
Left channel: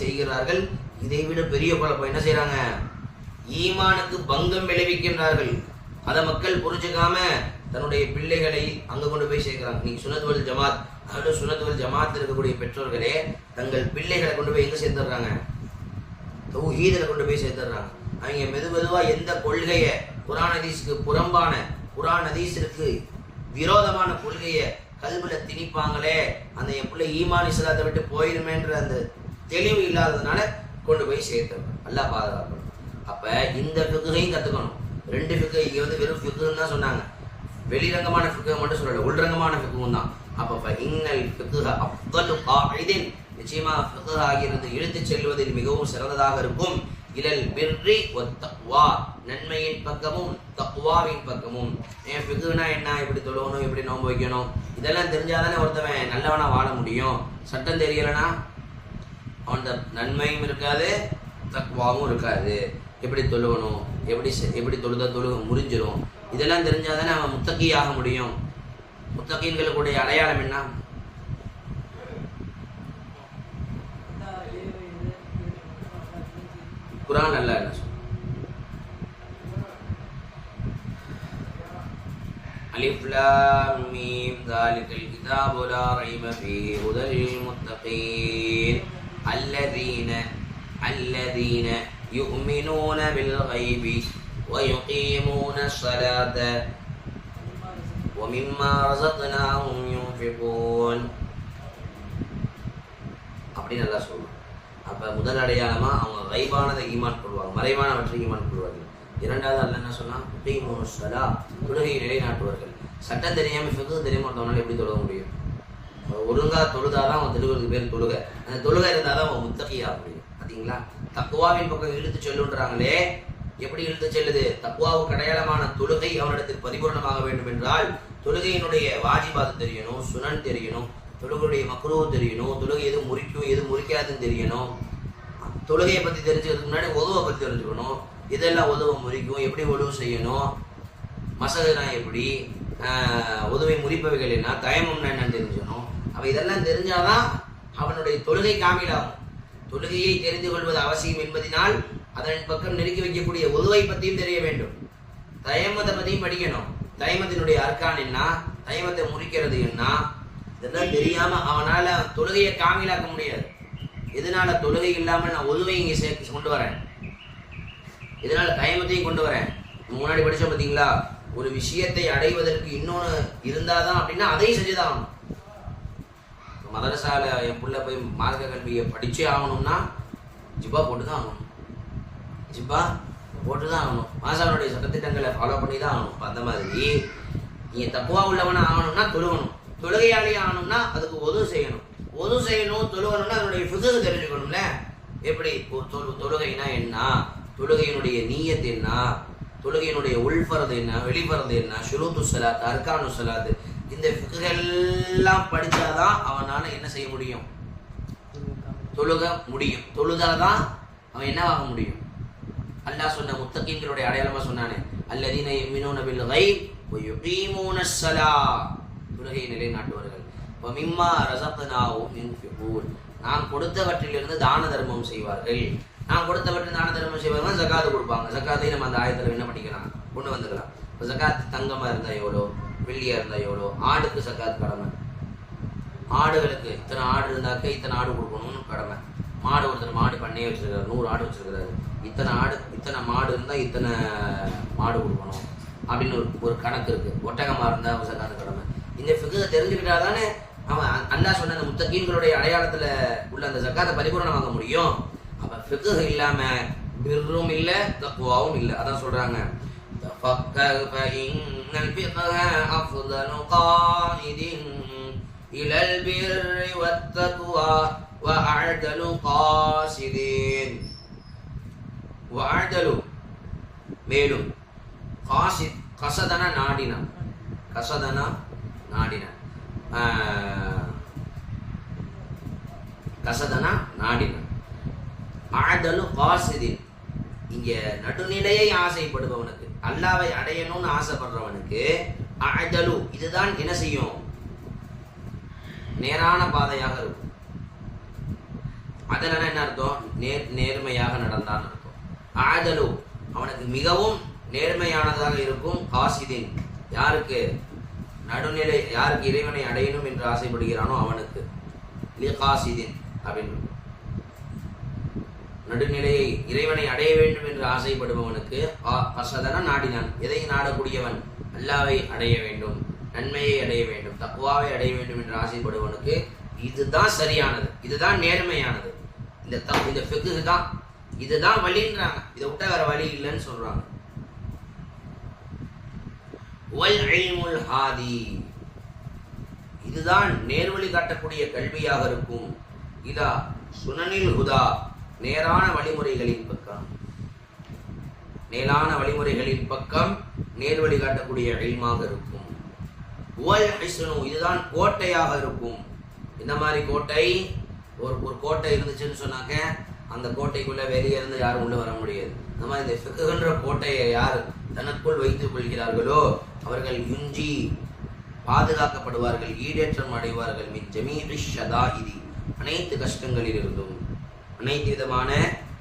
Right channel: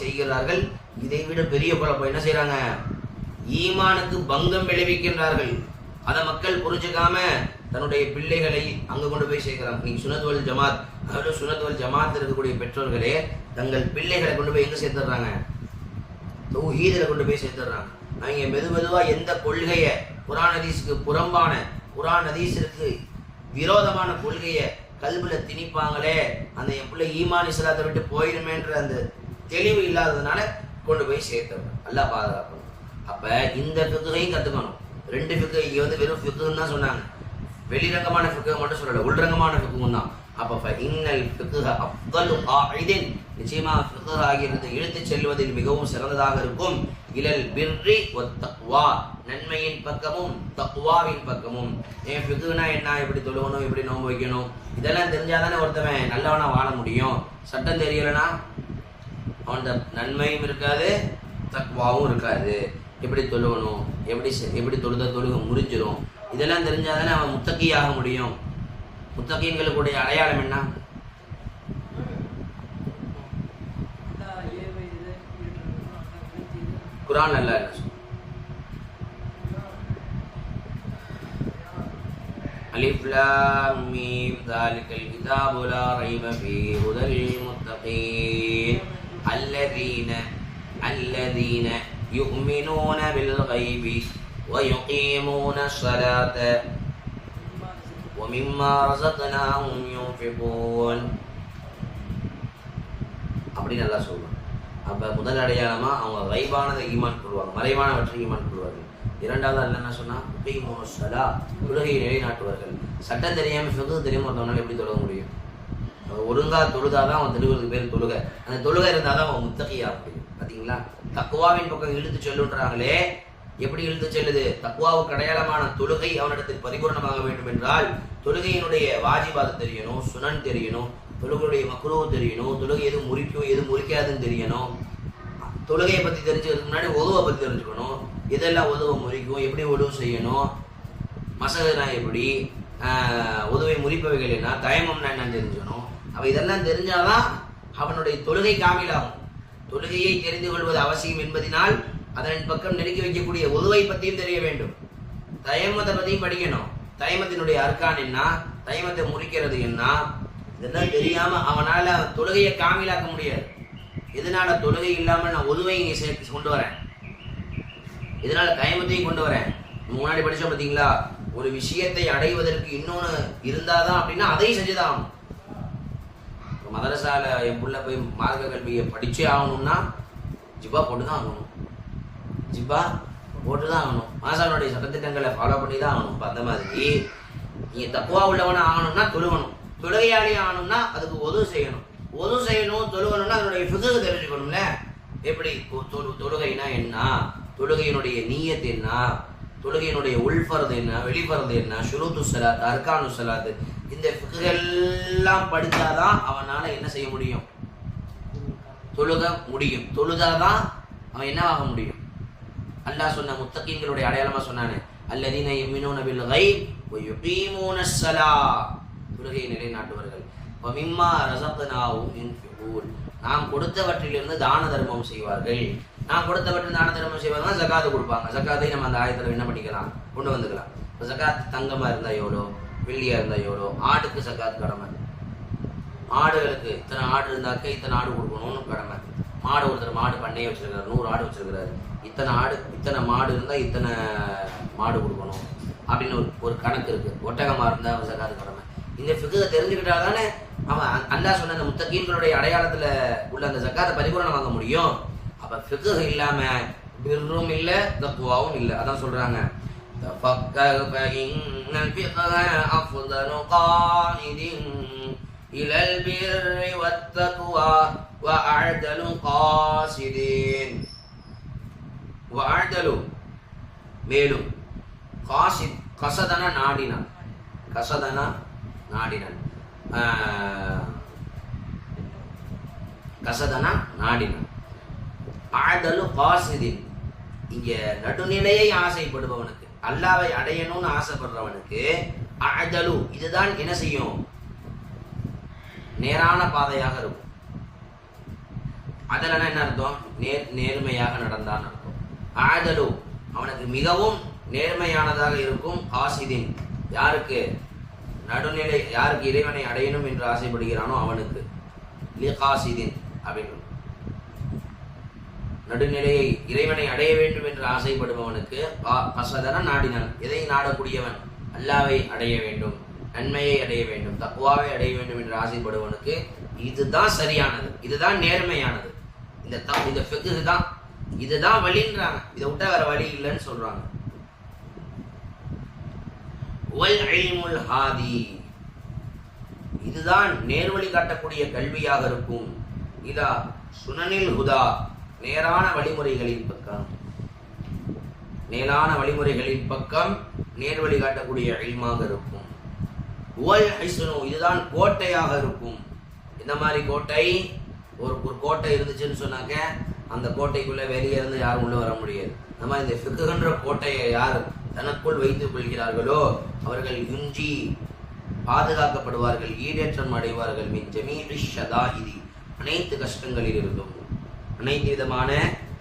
செய்கிறார்கள். இதை விட பெரிய குழப்பம் என்ன செய்யறாங்க, ஈமானுக்கு பங்கம் விளைவிக்கின்றார்கள். அதை மக்கள் புரிஞ்சுக்காம தன்னுடைய பிள்ளைகளை அங்க கொண்டு போய் சேர்க்கிறாங்க. நீங்க சுன்னத் வல் ஜமாத், அதாவது சுன்னத் வல் ஜமாத் இருக்கக்கூடிய பெற்றோர்களே தங்கள் பிள்ளைகளை கொண்டு போய் எங்க சேர்த்துடுறாங்க, தௌஹீதுல கொண்டு போய் சேர்த்துடுறாங்க. அவங்க மெதுவா எந்த கொள்கையை, குர்ஆன் ஹதீஸுக்கு புறம்பான, குர்ஆன் ஹதீஸிற்கு விரோதமான கொள்கையை கல்வில திணிப்பாங்களே, அந்த என் பிள்ளை ஈமான் இஸ்லாத்தை விட்டு போயிடுமேன்ற அந்த தெளிவு இல்லாததுனால கொண்டு போய் சேர்த்தவங்க. அல்லாஹ் பாதுகாக்கணும். அப்ப இந்த ஃபிக்ஹையும் கத்துக்கணும். 2 ஃபிக்ஹ் இங்க வெறும் ஃபிக்ஹ்னு தான் சொன்னாங்க, வெளிரங்கமான ஃபிக்ஹ் மட்டும் சொல்லல, உள்ரங்கமான ஃபிக்ஹும் தான். அப்ப இன்னல் ஃபிக்ஹ் அஃதலு காயிதின், நிச்சயமா ஃபிக்ஹ் ஆகிறது இழுத்துச் செல்வதில் மிகவும் சிறந்ததாக இருக்கும். இலல் பிர்ரி வத் தக்வா, நன்மையின் பக்கமும் தக்வாவின் பக்கமும். ஏன் ஃபிக்ஹ்னா என்ன, எப்படி தொழுகணும், எப்படி நோன்பு வைக்கணும், இதெல்லாம் தெரிஞ்சாதானே ஒருத்தவன் நல்லவனா வாழ முடியும். சட்டம் தெரியலனா அவன்கிட்ட நன்மையும் இருக்காது, தக்வாவும் இருக்காது. எப்படி தொழுகணும், எப்படி தொழுக முறிஞ்சிடும், இதெல்லாம் தெரிஞ்சாதானே அவன் முத்தகியாக முடியும். முத்தகீன்களுடைய அடையாளம் என்ன, குர்ஆன் அல்லாஹ் என்ன சொல்றான், அலிஃப் லாம் மீம் ذلكல் கிதாபு லா ரைப ஃபீஹி ஹுதல் லில் முத்தகீன் அல்லதீன யுமினூன பில் கைபி வ யுகீமூன ஸலாத வ மிம்மா ரஸக்னாஹும் யுன்ஃபிகூன். அப்படி நல்லா சொல்றான். அப்ப முதல் அடையாளமா அவங்க கைபானதை ஈமான் கொள்வாங்க, மறைவானவற்றை ஈமான் கொள்வார்கள். இரண்டாவது அல்ல என்ன சொன்னா சலா, தொழுகையை நிலைநாட்டுவார்கள். சட்டம் தெரியாம ஃபிக்ஹ் தெரியாம ஒருத்தவனால எப்படி தொழுக முடியும்? ஒழுங்கா தொழுதாதான் அவன் தொழுகிறதுக்கு பேர் தொழுகை. அந்த தொழுகை இருந்தாதான் அவன் முத்தகியா முடியும். பாத்தீங்களா, தக்குவாவின் பக்கம் இழுத்து செல்லுன்றாங்களே, எப்படி இழுத்து செல்லுது? தக்குவாவுக்கு அடையாளமான தொழுகை அவனிடத்தில் பரிபூர்ணமாக வேண்டும் என்றால் தொழுகையினுடைய வாஜிபாத் தெரியணும், சுனன் தெரியணும், தொழுகையுடைய மக்ரூ தெரியணும், தொழுகை எது முறிக்கும் எது முறிக்காதுன்னு தெரியணும். தொழுகையை பத்தி தெரிஞ்சுக்கிறதுக்கு முன்னாடி ஒதுவை பத்தி தெரிஞ்சுக்கணும். இதெல்லாம் உதவ முறிக்கும், எப்படி உதவு செய்யணும், மசகுனா எப்படி, உதவை முறிப்பவைகள் என்ன, தயமம்னா என்னன்னு தெரிஞ்சுக்கணும். அவ இதெல்லாம் தெரிஞ்சாதான் அவனுடைய தொழுகை காமிலாகும். தொழுகையை தெரிந்து கொள்வது அவசியம் என்பதனால் அதன் பக்கம் நெருக்கி வைக்கக்கூடிய உதவை பற்றியும் தெரிய வேண்டும். தயமத்தை பற்றியும் படிக்கணும். தயமத்தினுடைய அர்க்கான் என்ன, தயமத்தை முறிக்கிறது என்ன, இதெல்லாம் தெரியாம அவனால தொழுகையை காமிலாக்க முடியாது. எதனால தொழுகை இல்லாமல் நான் உதவை இங்கே சேர்த்து கொண்டு வரேன், இதனால தயமத்தையும் கொண்டு வரேன். முன்னாடி படிச்சோம் பார்த்தீங்களா, ஒரு விஷயத்தை அடைவதற்கு இன்னொன்று இருந்தாதான் அப்படின்னா அதையும் செஞ்சுதான் ஆகணும். மதரசால என் புள்ள போய் மார்க்க கல்வியை படிச்சே ஆகணும்னா ஜிப்பா போட்டுதான் ஆகணும், ஜிப்பா போட்டுதான் ஆகணும். மாசானுடைய சட்டத்திட்டங்களை ஃபாலோ பண்ணி தான் ஆகணும். இப்போ அந்த மாதிரி நீங்க தக்குவா உள்ளவன ஆகணும்னா தொழுகணும், தொழுகையாளி ஆகணும்னா அதுக்கு உதவு செய்யணும், உதவு செய்யணும், தொழுகணும்னா அதனுடைய ஃபிக்ஹ் தெரிஞ்சுக்கணும்ல. எப்படி தொழுகைனா என்ன, தொழுகையினுடைய நீயத் என்ன, தொழுகையினுடைய உள்ஃபரது என்ன, வெளிஃபரது என்ன, ஷுரூத்து ஸலாத், அர்கானு ஸலாத், இந்த ஃபிக்ஹெல்லாம் படிச்சாதான் அவனால என்ன செய்ய முடியும்? தொழுக முடியும். தொழுதாதான் அவன் என்னவாக முடியும்? அல்லாஹ் சொன்ன முத்தகீன்களுடைய அடையாளமா சொன்னானே, அல்லதீன யுமினூன பில் கைப் வ யுகீமூனஸ் ஸலாத், தொழுகையை நிலைநாட்டுவார்கள். வ மிம்மா ரஸக்னாஹும் யுன்ஃபிகூன், நாம் கொடுத்தவற்றிலிருந்து தான தர்மம் செய்வார்கள். நாம் கொடுத்தவற்றில் தான தர்மம் செய்வார்கள், ஜகாத் கொடுப்பாங்க. ஜகாத்தை நம்ம அந்த ஆயத்துல என்ன பண்ணிக்கலாம், கொண்டு வந்துக்கலாம். இப்போ ஜகாத் தங்கமா இருந்தா எவ்வளோ, வெள்ளியா இருந்தா எவ்வளோ. ஆடுக்கு ஜகாத் கடமை, ஆடுகளுக்கு இத்தனை ஆடு இருந்தாக்க இத்தனை ஆடு கொடுக்கணும்னு கடமை. மாடு ஒருத்தர் மாடு பண்ணையே வச்சிருக்காரு, 100 ஆடு வச்சிருக்கிறாரு, இத்தனை ஆடு இத்தனை மாடு இருந்தா இத்தனை மாடு கொடுக்கணும் அப்படின்னு ஒரு கணக்கு இருக்கு. ஒட்டகமா இருந்தா ஜகாத் கடமை. இந்த ஃபிக்ஹை தெரிஞ்சுக்கிட்டாதானே அவன் அல்லாஹ் சொன்ன அந்த முத்தகீன்களுடைய அடையாளத்துல உள்ள அந்த ஜகாத்தை பரிபூரணம் வாங்க முடியும். அப்ப ஃபிக்ஹ் இல்லாம பிர்ரும் இல்ல, தக்வாவும் இல்ல. அதான் சொல்றாங்க, تفكر فإن الفقه أفضل قائد إلى البر والتقوى وأعدل قاصدين. وأعدل மேலும் قاصد قصدنا நாடினான், قصدنا நாடினான், قصدنا நாடினான். அஅதலு காசிதின், இங்க நடுநிலையை ஆசைப்படுபவனுக்கு, அல்லாவை அடையணும்னு ஆசைப்படுறவனுக்கு அஅதலு இதுதான் என்ன செய்யும், நேரான பாதையாக இருக்கும். அதனால என்ன அர்த்தம், நேர்மையாக நடந்தான் அர்த்தம். அஅதலு அவனுக்கு மிகவும் நேர்மையானதாக இருக்கும். காசிதின் யாருக்கு, நடுநிலை, யாருக்கு இறைவனை அடையணும் என்று ஆசைப்படுகிறானோ அவனுக்கு. லிகாசிதின் அப்படின்னு நடுநிலையை, இறைவனை அடைய வேண்டும் என்று ஆசைப்படுபவனுக்கு. கசதன நாடினான், எதை நாடக்கூடியவன், அல்லாவை அடைய வேண்டும், நன்மையை அடைய வேண்டும், தக்வாவை அடைய வேண்டும் என்று ஆசைப்படுவனுக்கு இதுதான் சரியானது, இதுதான் நேர்மையானது. இந்த ஃபிக்ஹ் தான், இதுதான் வழின்றாங்க. இதை விட்டா வேற வழி இல்லைன்னு சொல்றாங்க. வல் இல்முல் ஹாதி, இதுதான் நேர்வழி காட்டக்கூடிய கல்வியாக இருக்கும். இதா சுனனில் ஹுதா, நேரான வழிமுறைகளின் பக்கம், நேரான வழிமுறைகளின் பக்கம் நேர்வழி காட்டக்கூடிய இல்மாக இருக்கும். வல் ஹிஸ்னு, இதுதான் கோட்டையாக இருக்கும். இந்த மாதிரி கோட்டை, ஒரு கோட்டை இருந்துச்சுன்னு சொன்னாக்க அந்த கோட்டைக்குள்ள வெளியே இருந்து யாரும் உள்ள வர முடியாது. அந்த மாதிரி இந்த ஃபிக்ஹ்ன்ற கோட்டையை யார் தனக்குள் வைத்துக் கொள்கிறார்களோ அவர்கள் யுஞ்சி பாதுகாக்கப்படுவார்கள், ஈடேற்றம் அடைவார்கள். மின் ஜமீஇ ஷதாஇதி, அனைத்து கஷ்டங்களில் இருந்தும், அனைத்து விதமான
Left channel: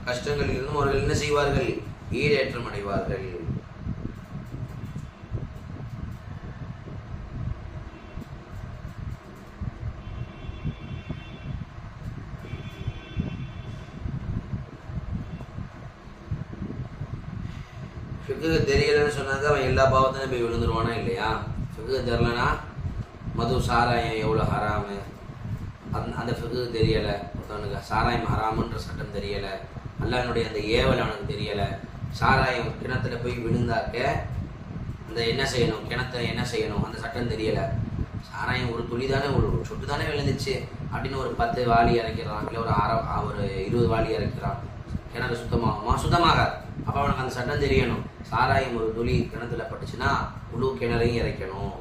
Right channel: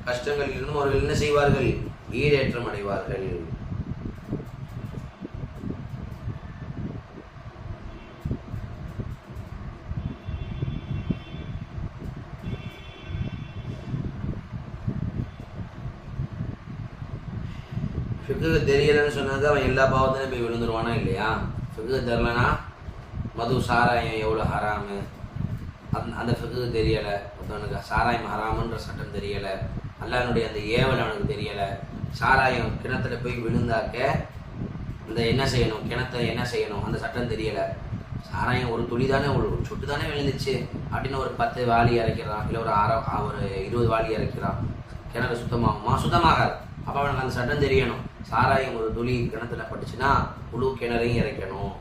கஷ்டங்களில் இருந்தும் அவர்கள் என்ன செய்வார்கள், ஈடேற்றம் அடைவார்கள். ஃபிக்ஹ் தெரியலன்னு சொன்னாக்க அவன் எல்லா பாவத்தையும் போய் விழுந்துருவானா இல்லையா? ஃபிக்ஹ் தெரியலனா மது சாராயம் எவ்வளோ ஹராமு, அந்த ஃபிக்ஹ் தெரியலை, ஒருத்தவனுக்கு சாராயம் ஹராமுன்ற சட்டம் தெரியலை, அல்லாஹ்வுடைய அந்த ஏவல் அவனுக்கு தெரியலை, சாராயம் கிணத்துல போய் விழுந்தாக்க இந்த என்ன செய்யணும், கிணத்தை என்ன செய்யணும் அந்த சட்டம் தெரியல. சாராயம் ஒரு துளி தானே, ஒரு சொட்டு தானே விழுந்துச்சு அப்படின்னு ஒரு 10 வாளி இறக்கிறான், இல்லை ஒரு 20 வாளி இறக்கிறான், கிணறு சுத்தமாகுமா? சுத்தமாகாது. அப்போ அவனுக்கு அந்த சட்டம் தெரியணும். சாராயம் ஒரு துளி கிணத்துல பட்டுச்சுன்னா முழு கிணறையும் இறைக்கணும்.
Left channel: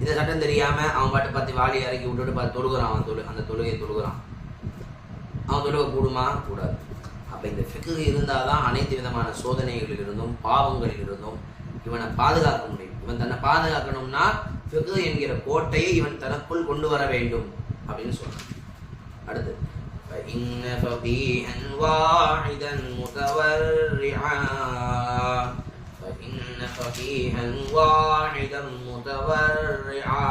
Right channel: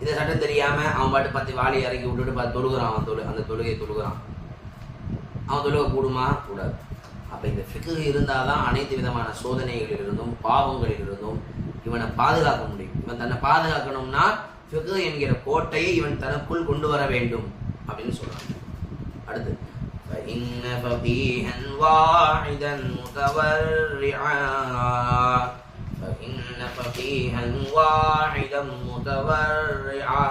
இந்த சட்டம் தெரியாம அவன் பாட்டு 10 வாளி இறக்கி விட்டுட்டு பார்த்து தொழுகிறான். அந்த தொழுகையை தொழுகிறான். அவன் தொழுகை கூடுமா? கூடாது. அப்ப இந்த ஃபிக்ஹ் இருந்தாதான் அனைத்து விதமான சோதனைகளில் இருந்தும் பாவங்களில் இருந்தும் இவனை பாதுகாக்க முடியும். இவன் தன்னை பாதுகாக்கணும்னா ஃபிக்ஹ் என்கிற கோட்டையை இவன் தனக்குள் கொண்டு வர வேண்டும் அப்படின்னு சொல்றான். அடுத்து فإن فقيها واحدا متورعا فإن فقيها واحدا متورعا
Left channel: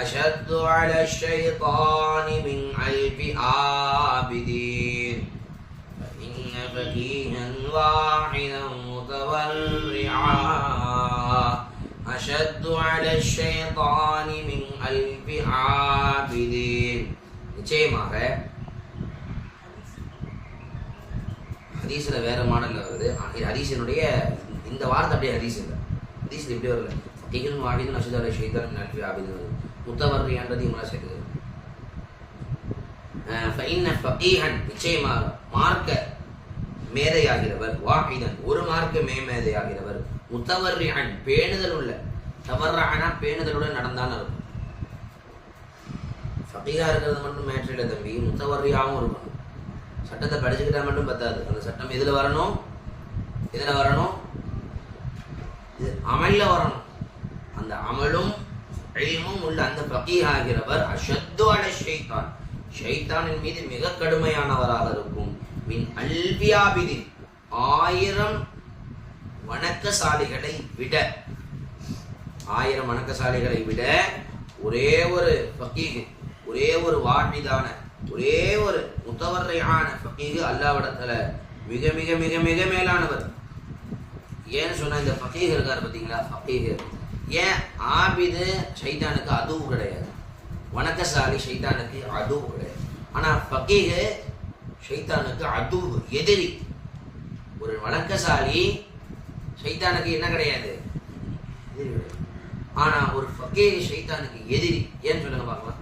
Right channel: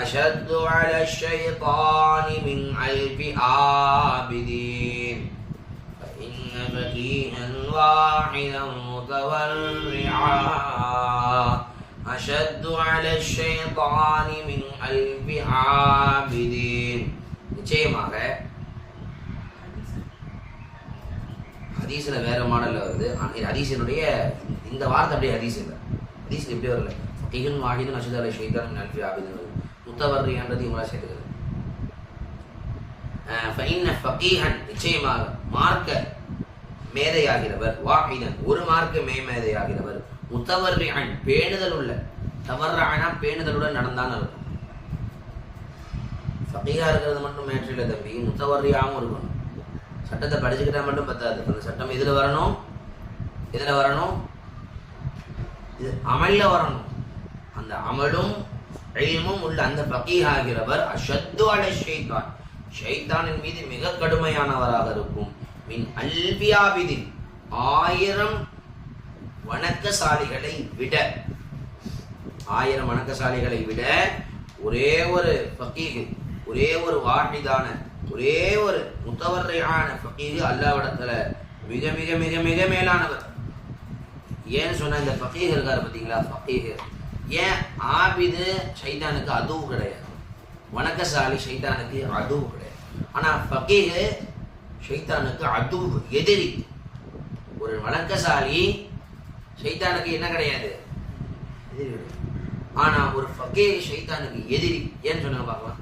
أشد على الشيطان من ألف عابدين فإن فقيها واحدا متورعا أشد على الشيطان من ألف عابدين. நிச்சயமாக ஹதீஸ்ல வேற மாடல்ல வருது. ஹதீஸினுடைய இந்த வார்த்தை அப்படியே ஹதீஸ் இல்லை. ஹதீஸ் இப்படி வரல. ஃபகீஹுன் வாஹிதுன் அஷது அலை ஷைத்தான் மின் அல்ஃபி ஆபிதின் வருது. முத்தவர்ரின்றது இவங்களா சேர்த்துக்குது. ஃபஇன்ன ஃபகீஹன் நிச்சயமாக மார்க்க மேதையாகிறவர், வாஹிதன் ஒரு மார்க்க மேதையாகிறவர், முத்தவர்ரிஅன் பேணுதல் உள்ள, தவர்ரஅனா பேணுதலுடன் நடந்தான்னு இருக்கும். ஃபகீஹா இருக்கிறது மட்டும் மேற்றில தம்பி, முத்தவர்ரியாகவும் இருக்கணும். சட்டத்தை படிச்சுக்கிட்டா மட்டும் பத்தாது. அந்த சட்டம் எதுல வரணும்? இது அமல்ல வரணும். அந்த அமலும் இல்மும் உள்ள அந்த ஃபகீஹ் ஆகிறவர் அஷத்து அலை ஷைத்தான், ஷைத்தானின் மீது மிக கடுமையானவராக இருக்கும். மின் அல்பியாபிதின் 1000 வணக்கசாலிகளை விட, 1000 வணக்கசாலிகளை விட ஒரே ஒரு ஃபகீஹ், ஒரே ஒரு வாஹிதான, ஒரே ஒரு முத்தவர்ரியான ஃபகீஹ் அல்லாஹ்விடத்துல மிக மிக மிக மிக மேலானவர். ஏன்னு சொன்னா இந்த ஃபகீஹ் இருக்காரு பாத்தீங்களா, ஃபகீஹ் ஏன் ஆபிது ஷைத்தானுக்கு அதுவும் கிடையாது, வணக்கசாலி ஷைத்தானுக்கு அதுவும் கிடையாது. ஆனா ஃபகீஹ் ஷைத்தானுக்கு அது எதிரி. ஒரு வணக்கசாலி ஷைத்தானுக்கு என்ன கிடையாது, எதிரி கிடையாது. ஆனா ஒரு ஃபகீஹ் ஷைத்தானுக்கு எதிரி. ஏன்னு சொல்லுங்க பார்க்கலாம்.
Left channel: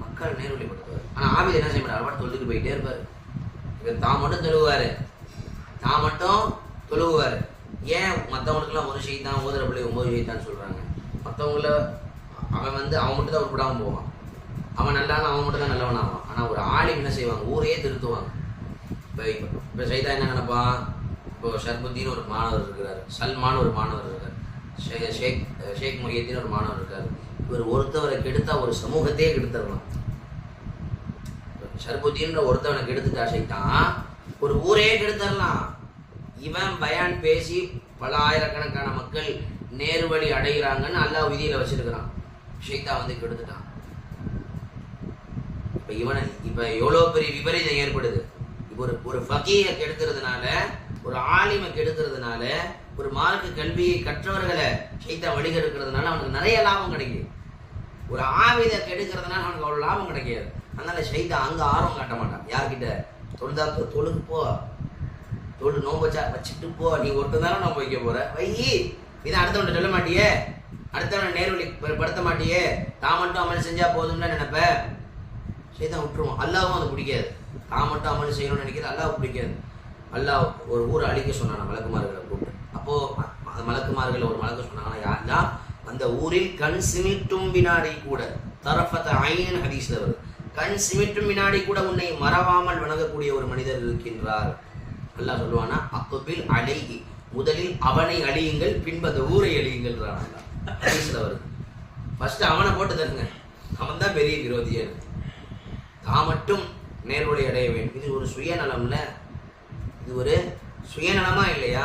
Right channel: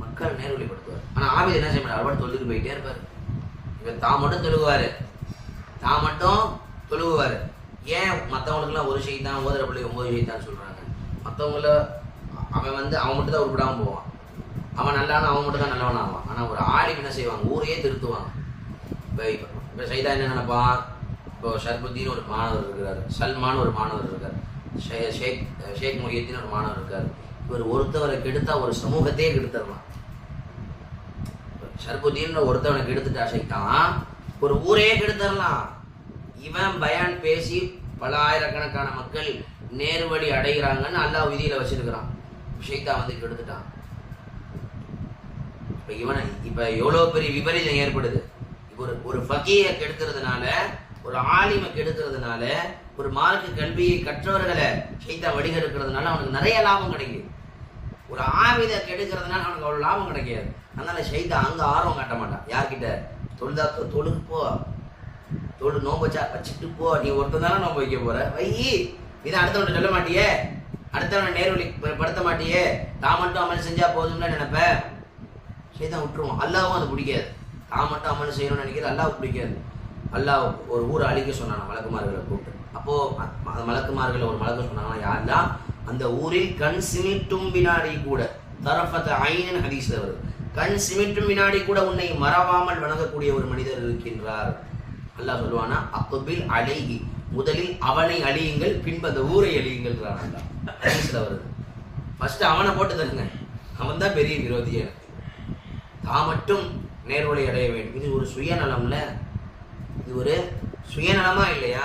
மக்கள் நேர்வழிப்படுத்துவார். ஆனா ஆபிது என்ன செய்ய மாட்டார், அவர் தொழுது போயிட்டே இருப்பாரு. இவர் தான் மட்டும் தொழுவாரு, தான் மட்டும் தொழுவாரு. ஏன் மற்றவங்களுக்கு எல்லாம் ஒரு ஷைத்தான், ஓதுற பிள்ளை 9 ஷைத்தான் சொல்றாங்க. மற்றவங்கள அவன் அவன் மட்டும் தான் உருப்படாம போவான், அவன் நல்லான அவன் மட்டும் தான் நல்லவன் ஆவான். ஆனா ஒரு ஆலிம் என்ன செய்வாங்க, ஊரையே திருத்துவாங்க. இப்ப ஷைத்தான் என்ன நினைப்பான், இப்போ ஷர்புத்தீன் ஒரு மாணவர் இருக்கிறார், சல்மான் ஒரு மாணவர் இருக்கார், ஷேக் முஹியத்தீன் ஒரு மாணவர் இருக்காரு. இவர் ஒருத்தவரை கெடுத்தா ஒரு சமூகத்தையே கெடுத்துடலாம். ஷர்புத்தீன் ஒருத்தவனை கெடுத்துட்டா ஷைத்தான் ஒரு ஊரையே கெடுத்துடலாம். இவன் பயான் பேசி பல ஆயிரக்கணக்கான மக்கள் நேர்வழி அடைகிறாங்கன்னு அல்லாஹ் விதியில வச்சிருக்கிறான். ஷைத்தான் கெடுத்துட்டான். இப்ப எவ்வளவு பெரிய விபரீதம் ஏற்படுது. ஒரு ஃபகீஹ கெடுக்கிறதுனால, ஒரு ஆலிமை கெடுக்கிறதுனால, ஒரு மார்க்க கல்வியை கற்றவர்களை ஷைத்தான் வழிகெடுக்கிறதுனால அவனுக்கு நிறைய லாபம் கிடைக்குது. ஒரு ஆவித கெடுக்கிறதுனால அவனுக்கு அவ்வளவு லாபம் கிடைக்காது. அதனால ஷைத்தான் அங்க ஆர்வம் காட்ட மாட்டான். யார்கிட்ட தொழுதா தொழுகு போ, தொழு நோம்பு வச்சுட்டு போ, நீ ஒருத்தன் தானே நோம்பு வைக்க போற, வை. இதை அடுத்தவன் சொல்ல மாட்டியே, அடுத்தவனை நேர்வழி படுத்த மாட்டியே, தான் மட்டும் அமல் செஞ்சா போதும்ல நினைப்ப. ஷைத்தான் விட்டுருவான். அல்லாஹ்வும் அது பிடிக்காது. தான் மட்டும் அமல் செய்யணும்னு நினைக்கிறது அல்லாஹ் பிடிக்காது. அல்லாஹ் ஒரு ஊரை அழிக்க சொன்னான் மலக்குமார்களை கூப்பிட்டு. அப்போ மலக்குமார்கள் ஒரு மலக்கு சொன்னாங்கன்னா, யாரெல்லாம் அந்த ஊரில் கண் சிமிட்டும் வினாடி கூட, தரஃபத ஐனின் ஹதீஸ்ல வருது, கண் சிமிட்டும் வினாடி கூட உன்னை மறவாமல் வணங்கக்கூடிய ஒரு மனிதர் இருக்கின்றார். அல்லாஹ் சொல்லுவானா, அக்பில் அலைஹி, முதலில் அவனை அழியுங்கள், பின்பு அந்த ஊரை அழியுங்கள். ஹதீஸ்ல வருது. ஃபர்ஸ்ட் அவனை போட்டு தருங்க, அவன் தான் பெரிய விரோதி. எனக்கு தான் மட்டும் நேர்வழி அடைய வேண்டும். இது ஒரு சுயநலம்ல, இது ஒரு சுயநலமா இல்லையா?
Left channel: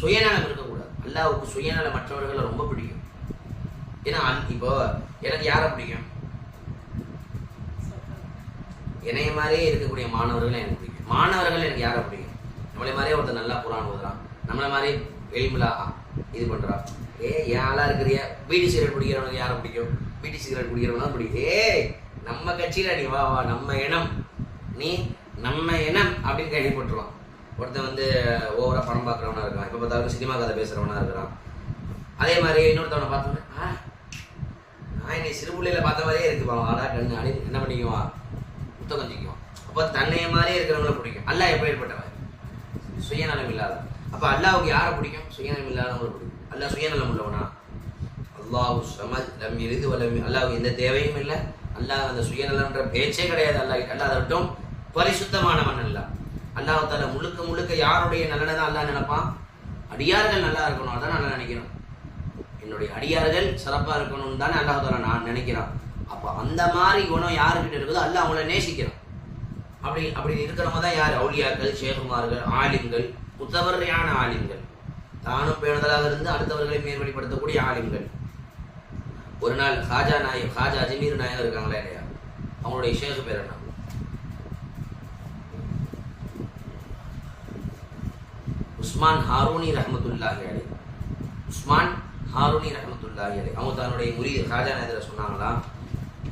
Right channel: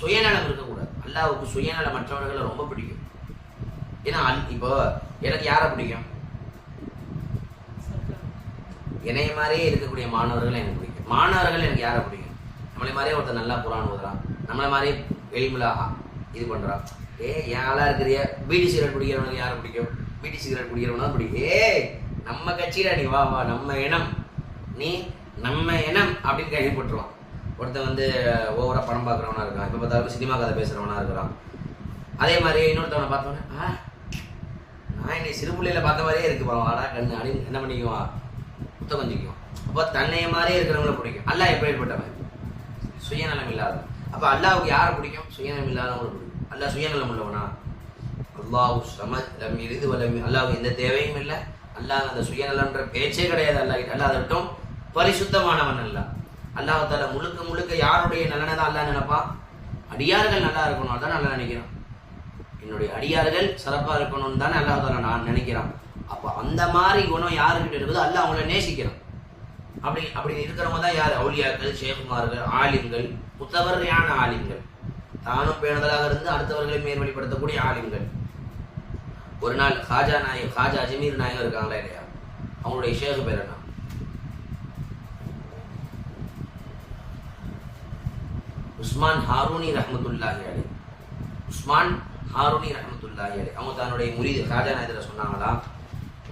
சுயநலம் இருக்கக்கூடாது. அல்லாஹ்வுக்கு சுயநலம் மற்றவர்களை ரொம்ப பிடிக்கும். ஏன்னா இப்போ எனக்கு யாரை பிடிக்கும், என்னைய மாதிரியே இருக்கக்கூடிய மாணவர்களை எனக்கு பிடிக்கும். மாணவர்கள் எனக்கு யாரை பிடிக்கும், நம்மளை மாதிரியே ஒருத்தர் நல்லா குரான் ஓதுறான், நம்மளை மாதிரியே எளிமையா இது பண்றான். ஏன் ஆளா இருக்கிறிய பீடி சிகரெட் பிடிக்கிறவனுக்கு யாரை பிடிக்கும், பீடி சிகரெட் பிடிக்கிறவனா பிடிக்கும். நம்ம கட்சியில நீ வா வா, நம்ம இனம், நீ நம்ம இனம் அப்படின்னு கேள்விப்பட்டுருவான். ஒருத்தன் வந்து ஓவரா படம் பார்க்குறவனா இருக்கான், இப்போ பார்த்தாலும் சினிமா கதை பேசுறவனா இருக்கிறான். அதே மாதிரி இன்னொருத்தவனை பார்த்தோன்னே நான் என்னை சிறு பிள்ளையில பார்த்த மாதிரியே இருக்குப்பா, வாடா கண்ணு அப்படின்னு என்ன பண்ணிக்குவான், புத்தகம் கொஞ்சிக்குவான். அப்போ தன்னைய மாதிரியே இருக்கிறவங்கள பிடிக்கும். அல்லாஹ் எப்படி ஏற்பட்டவன்? சுயநலம் இல்லாதவன். அப்போ அல்லாஹ்வுக்கு யாரை பிடிக்கும்? சுயநலம் இல்லாதவங்களை பிடிக்கும். அல்லாஹ் சுயநலம் உள்ளவனா? அல்லாஹ் சமத் லம் யலித் வ லம், அல்லாஹ்வுக்கு எந்த தேவையும் இல்லை. அல்லாஹ் அந்த சுயநலன்ற பேச்சே கிடையாது. அல்லாஹ் அதை விட்டும் பரிசுத்தமானவன். அல்லாஹ் தாலா முழுக்க முழுக்க யாருடைய நலனை தான் அல்லாஹ் நினைப்பான்? அடியார்கள் நல்லா இருக்கணும், அதான் நல்லா நினைக்கிறான். என்னுடைய அடியார்கள் சிறப்பா இருக்கணும்னு தானே அல்லாஹ் தாலா நான் நினைக்கிறான். அப்போ அந்த மாதிரி குணம் யாருக்கிட்ட இருக்குதோ அல்லாஹ் அவங்கள நேசிக்கிறான். அப்படி இருக்கிறவங்க தான் யார்? அவுலியாக்கள், ஷேகுமார்கள், ஆலிம்கள், முத்தவர்யான ஆலிம்கள், தானும் பேணுதலாக இருந்து அடுத்தவர்களை மேல்வழிப்படுத்தக்கூடிய ஆலிம்கள். ஒரு நாள் ஹாஜா அஜ்மீர் நாயகம் இருக்காங்களா இல்லையா, அவங்களுடைய ஷேகு பேர் என்ன? உஸ்மான் ஹாரூனி ரஹ்மத்துல்லாஹி அலைஹி. உஸ்மான் ஹாரூனி ரஹ்மத்துல்லாஹி அலைஹி அவங்க தன்னுடைய முரீது ஹாஜா நாயகத்தில் சொன்னாங்களா,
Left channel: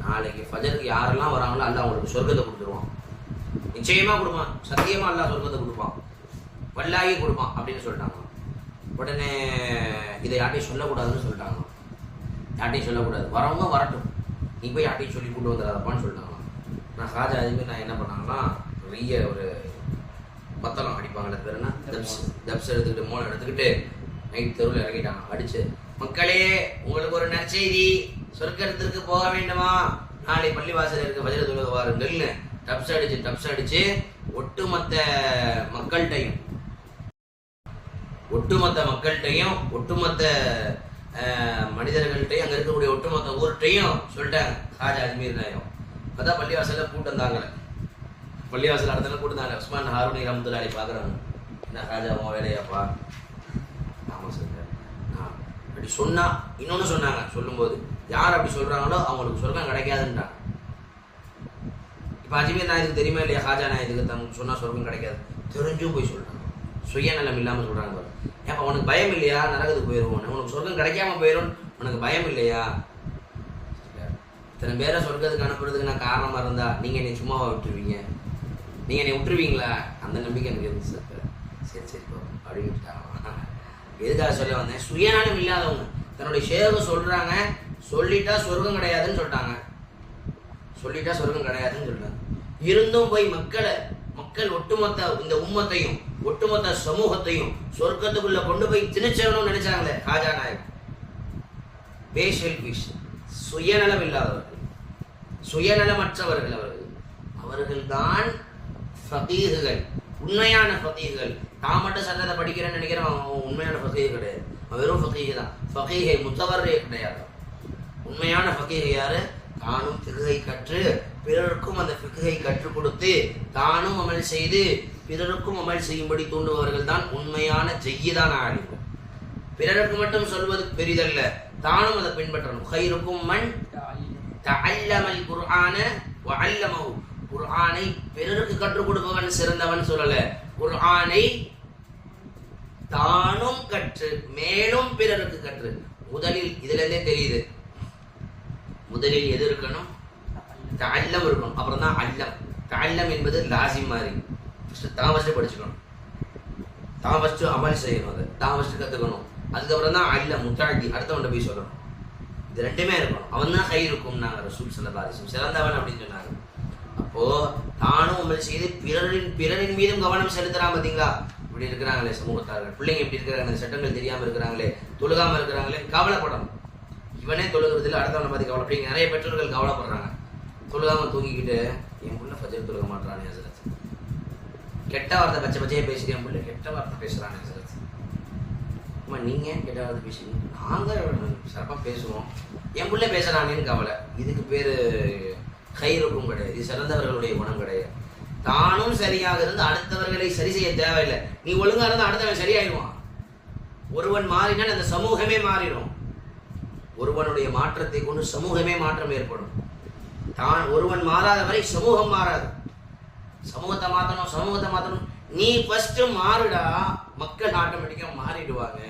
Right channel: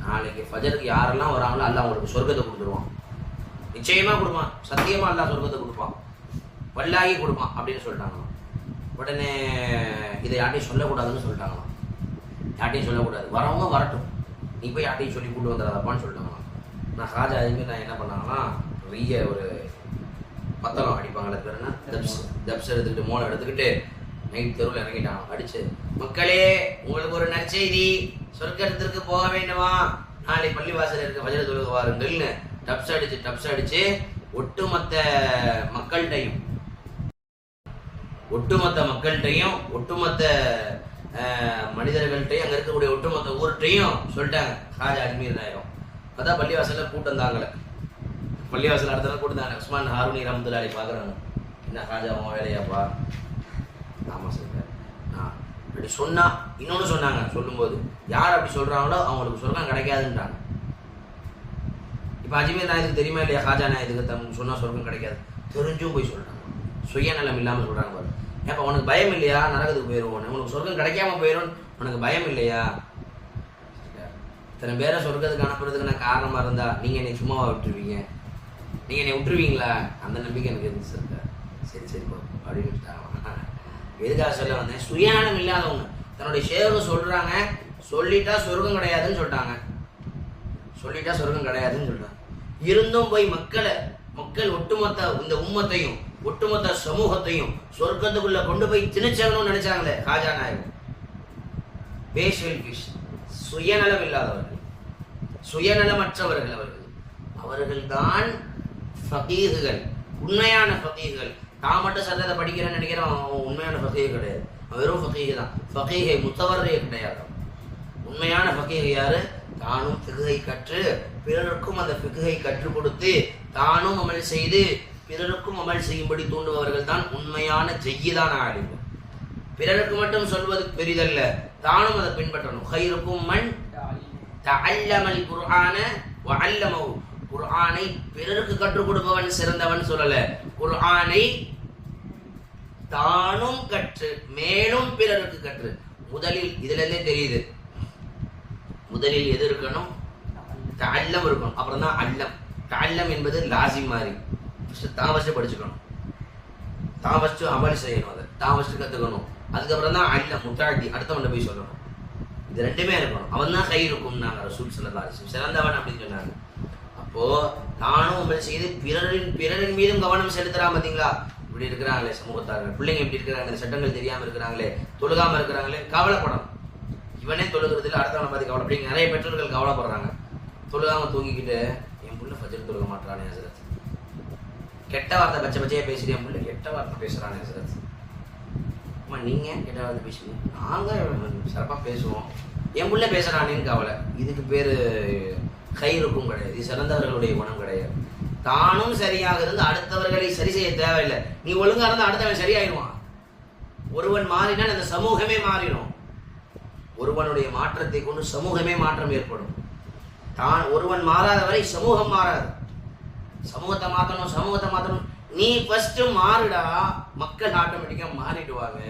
நாளைக்கு ஃபஜருக்கு யாரெல்லாம் வராங்களோ அல்லாஹ் அவங்களுக்கு சொர்க்கத்தை கொடுத்துருவான். நிச்சயமா கொடுப்பான், சத்தியமா அல்லாஹ் சொர்க்கத்தை கொடுப்பான், வல்லாகி கொடுப்பான் அப்படின்னு சொல்லிட்டாங்களாம். உடனே இதை யார்ட்டையும் சொல்லக்கூடாதுன்னு சொல்லிட்டாங்களாம். யார்ட்டையும் சொல்லக்கூடாது, வரவங்க வரட்டும், நீ போய் யார்ட்டையும் சொல்லி கூட்டு வந்துடாதப்பான்னு சொல்லிட்டாங்களாம். நான் ஹாஜா அதுமாரி நான் என்ன பண்ணாங்கன்னா, நிறைய ஒரு மத்தளம் அடிப்பாங்களே பேர் என்ன, தப்ஸ் எடுத்துக்கிட்டு மோளை எடுத்துக்கிட்டு நைட் தெருவில் இறங்கிட்டாங்க. அடிச்சு, மக்களே உங்களுக்கு ஒரு நற்செய்தி, சொர்க்கத்திற்கு போக வேண்டுமா, நாளை பள்ளிவாசல் இருக்க வஜ்ர தொழுக வாருங்கள்னு டப்ஸ் அடிச்சு ஒட்டுமொத்த மக்கள்கிட்டையும் ஒட்டுமொத்த மனிதர்கள்ட்டையும் அங்க இருக்கக்கூடிய ஒட்டுமொத்த ஊர்கிட்டையும் சொல்லிட்டாங்க ஹாஜா அஜ்மீர் நாயகம். அதான் பள்ளிவாசல்ல கூட்டம் தாங்கல, பள்ளிவாசல் அடுத்த நாள் கூட்டம் தாங்க. உஸ்மான் ஹாரூனி ரஹ்மத்துல்லாஹி பாக்குறாங்க, என்ன ஹாஜா உன் வேலையாப்பா? ஆமா சார். அப்படி சொன்னா இன்னொன்னு சொன்னாங்க, சொல்லும்போது யார் அப்படி சொல்றாங்களோ அவங்களுக்கு சொர்க்கம் கிடைக்காதுன்றாங்க. இப்ப அஜ்மீர் நாயகத்துக்கு தெரியுமா இல்லையா, ஹாஜா நாயகத்துக்கு தம் சொன்னா சொர்க்கம் கிடைக்காது தெரிஞ்சும் போய் சொல்றாங்க. சுயநலம் இல்லாம சொல்றாங்க பாரு. ஏப்ப உனக்கு பயம் இல்லையா, நரகத்துக்கு போயிடுவோம், உனக்கு சொர்க்கம் கிடைக்காம போயிடும், உனக்கு பயம் இல்லையா? இத்தனை பேரை சொர்க்கத்துக்கு அனுப்புறதுக்கு நான் காரணமா இருந்தா நீங்க என்னை சும்மாவா விட்டுருவீங்க? நீங்க என்னை விட்டுருவீங்களா? அந்த நம்பிக்கை எனக்கு இருந்துச்சு சார். சரி அப்படின்னு விட்டுட்டாங்க. எதுக்காக சொல்ல வந்தேன், சுயநலம் இல்லாதவங்க தன்னுடைய ஷேக சொல்றாங்க, சொல்லிட்டா சொர்க்கம் கிடையாதுன்னு சொல்லிட்டாங்க. இருந்தும் போய் மக்கள் ஒட்டுமொத்த இந்த உம்மத்தையும் ஒட்டுமொத்த சமூகத்தையும் சொர்க்கத்துக்குள்ள கொண்டு போய் திணிச்சரணும்னு நினைச்சாங்களே ஹாஜா நாயகம். சுயநலம் இல்லாதவர்கள், சுயநலமற்றவர்கள் அவர்கள் தான் ஃபகீஹுகள், உண்மையான ஃபகீஹுகள். தான் மட்டும் சட்டத்தை படிக்கிறேன்னு நினைக்கிறேன், உண்மையான ஃபகீஹ் கிடையாது, வெறும் ஃபகீஹ் தான். ஃபகீஹை முத்தவர்ரே கிடையாது. உண்மையான ஃபகீஹ் யாரு? தானும் ஃபிக்ஹை கற்று பிறருக்கும் அந்த ஃபிக்ஹை கற்றுக் கொடுத்து தானும் அமல் செய்து பிறருக்கும் அமல் செய்யும்படி தூண்டுபவர்கள் தான் உண்மையான ஜய்யிதான ஆலிம்கள். பிறருக்கு மட்டும் சொல்வது பெரிதல்ல, தானும் அதை பின்பற்றணும். கைருக்கும் மன் தஅல்லமல் குர்ஆன வ அல்லமஹு, குர்ஆனை பிறருக்கு கற்றுக் கொடுப்பவன் சிறந்தவன் சொல்லல, குர்ஆனை தானும் கற்று மேலும் பிறருக்கு கற்று. முதலில் இதுல இருந்தே தெரியுது, முதலில் எது இருக்கணும்? தஅல்லம் இருக்கணும், அப்புறம் தான் அல்லம். தஅல்லம் என்பது லாசிம் மாதிரி, தான் ஃபர்ஸ்ட் படிச்சுக்கணும், தான் ஃபர்ஸ்ட் அமல் செய்யணும், அதை தான் ஃபர்ஸ்ட் கத்துக்கணும், அதுக்கப்புறம் தான் அல்லம் முத்தாடி அடுத்தவன்ட போய் சொல்லணும். இது ரெண்டுமே இருக்கணும். அவன் தான் கைருக்கும் நாங்க ரசூல் ஸல்லல்லாஹு அலைஹி வஸல்லம் சிறந்தவன் அப்படின்னு சொன்னாங்க. அப்போ தானும் அமல் செய்து பிறரின் மீதும் கவனம் செலுத்துறான். பாத்தீங்களா, இப்படி இருக்கிறாங்களே சமூகத்தார்கள், பிள்ளைங்க இப்படி இருக்கிறாங்க, சட்டங்கள் தெரியாம இருக்கிறாங்களே, தொழுகாம இருக்கிறாங்களே, கவலைப்படணும். இவனே தொழுகிறது இல்லை, அடுத்தவனை பார்த்து கவலை. அப்படி நிறைய பெற்றோர்கள் கவலைப்படுறாங்க. தொழுகாம தூங்கிக்கிட்டு என் புள்ள ஃபஜ்ர் தொழுக மாட்டானே ஹஸரத், கெட்ட வார்த்தை பச்சையா பேசிட்டு என் புள்ள கெட்ட வார்த்தை பேசுறானே ஹஸரத். அம்மா நீங்க கெட்ட வார்த்தை பேசுறீங்க, நாங்க சிறப்பா பேசுவோம், என் புள்ள பேசுறானேன்னு கவலை. இதுக்கு பேரு கைருக்கும் கிடையாது, இது சிறந்தவர்களுடைய குணம் கிடையாது. தானும் சரியாக இருந்து அடுத்தவர்களை சரி செய்ய தேவையில்லை. நீ ஒழுங்கா இருந்தா அடுத்தவன் சரியாயிடுவான். ஒருவன் மாறினால் அந்த சமூகமே மாறிடும். ஒருவனுடைய மாற்றத்தை கொண்டு சமூகமே மாற்றம் ஏற்படும். தான் ஒருவன் மாறாத வரை சமூகம் மாறாது. சமூகத்தை மாத்தணும். நீ ஃபர்ஸ்ட் மாறுடா, மக்கள் ஆட்டோமேட்டிக்கா மாறிடுவாங்க.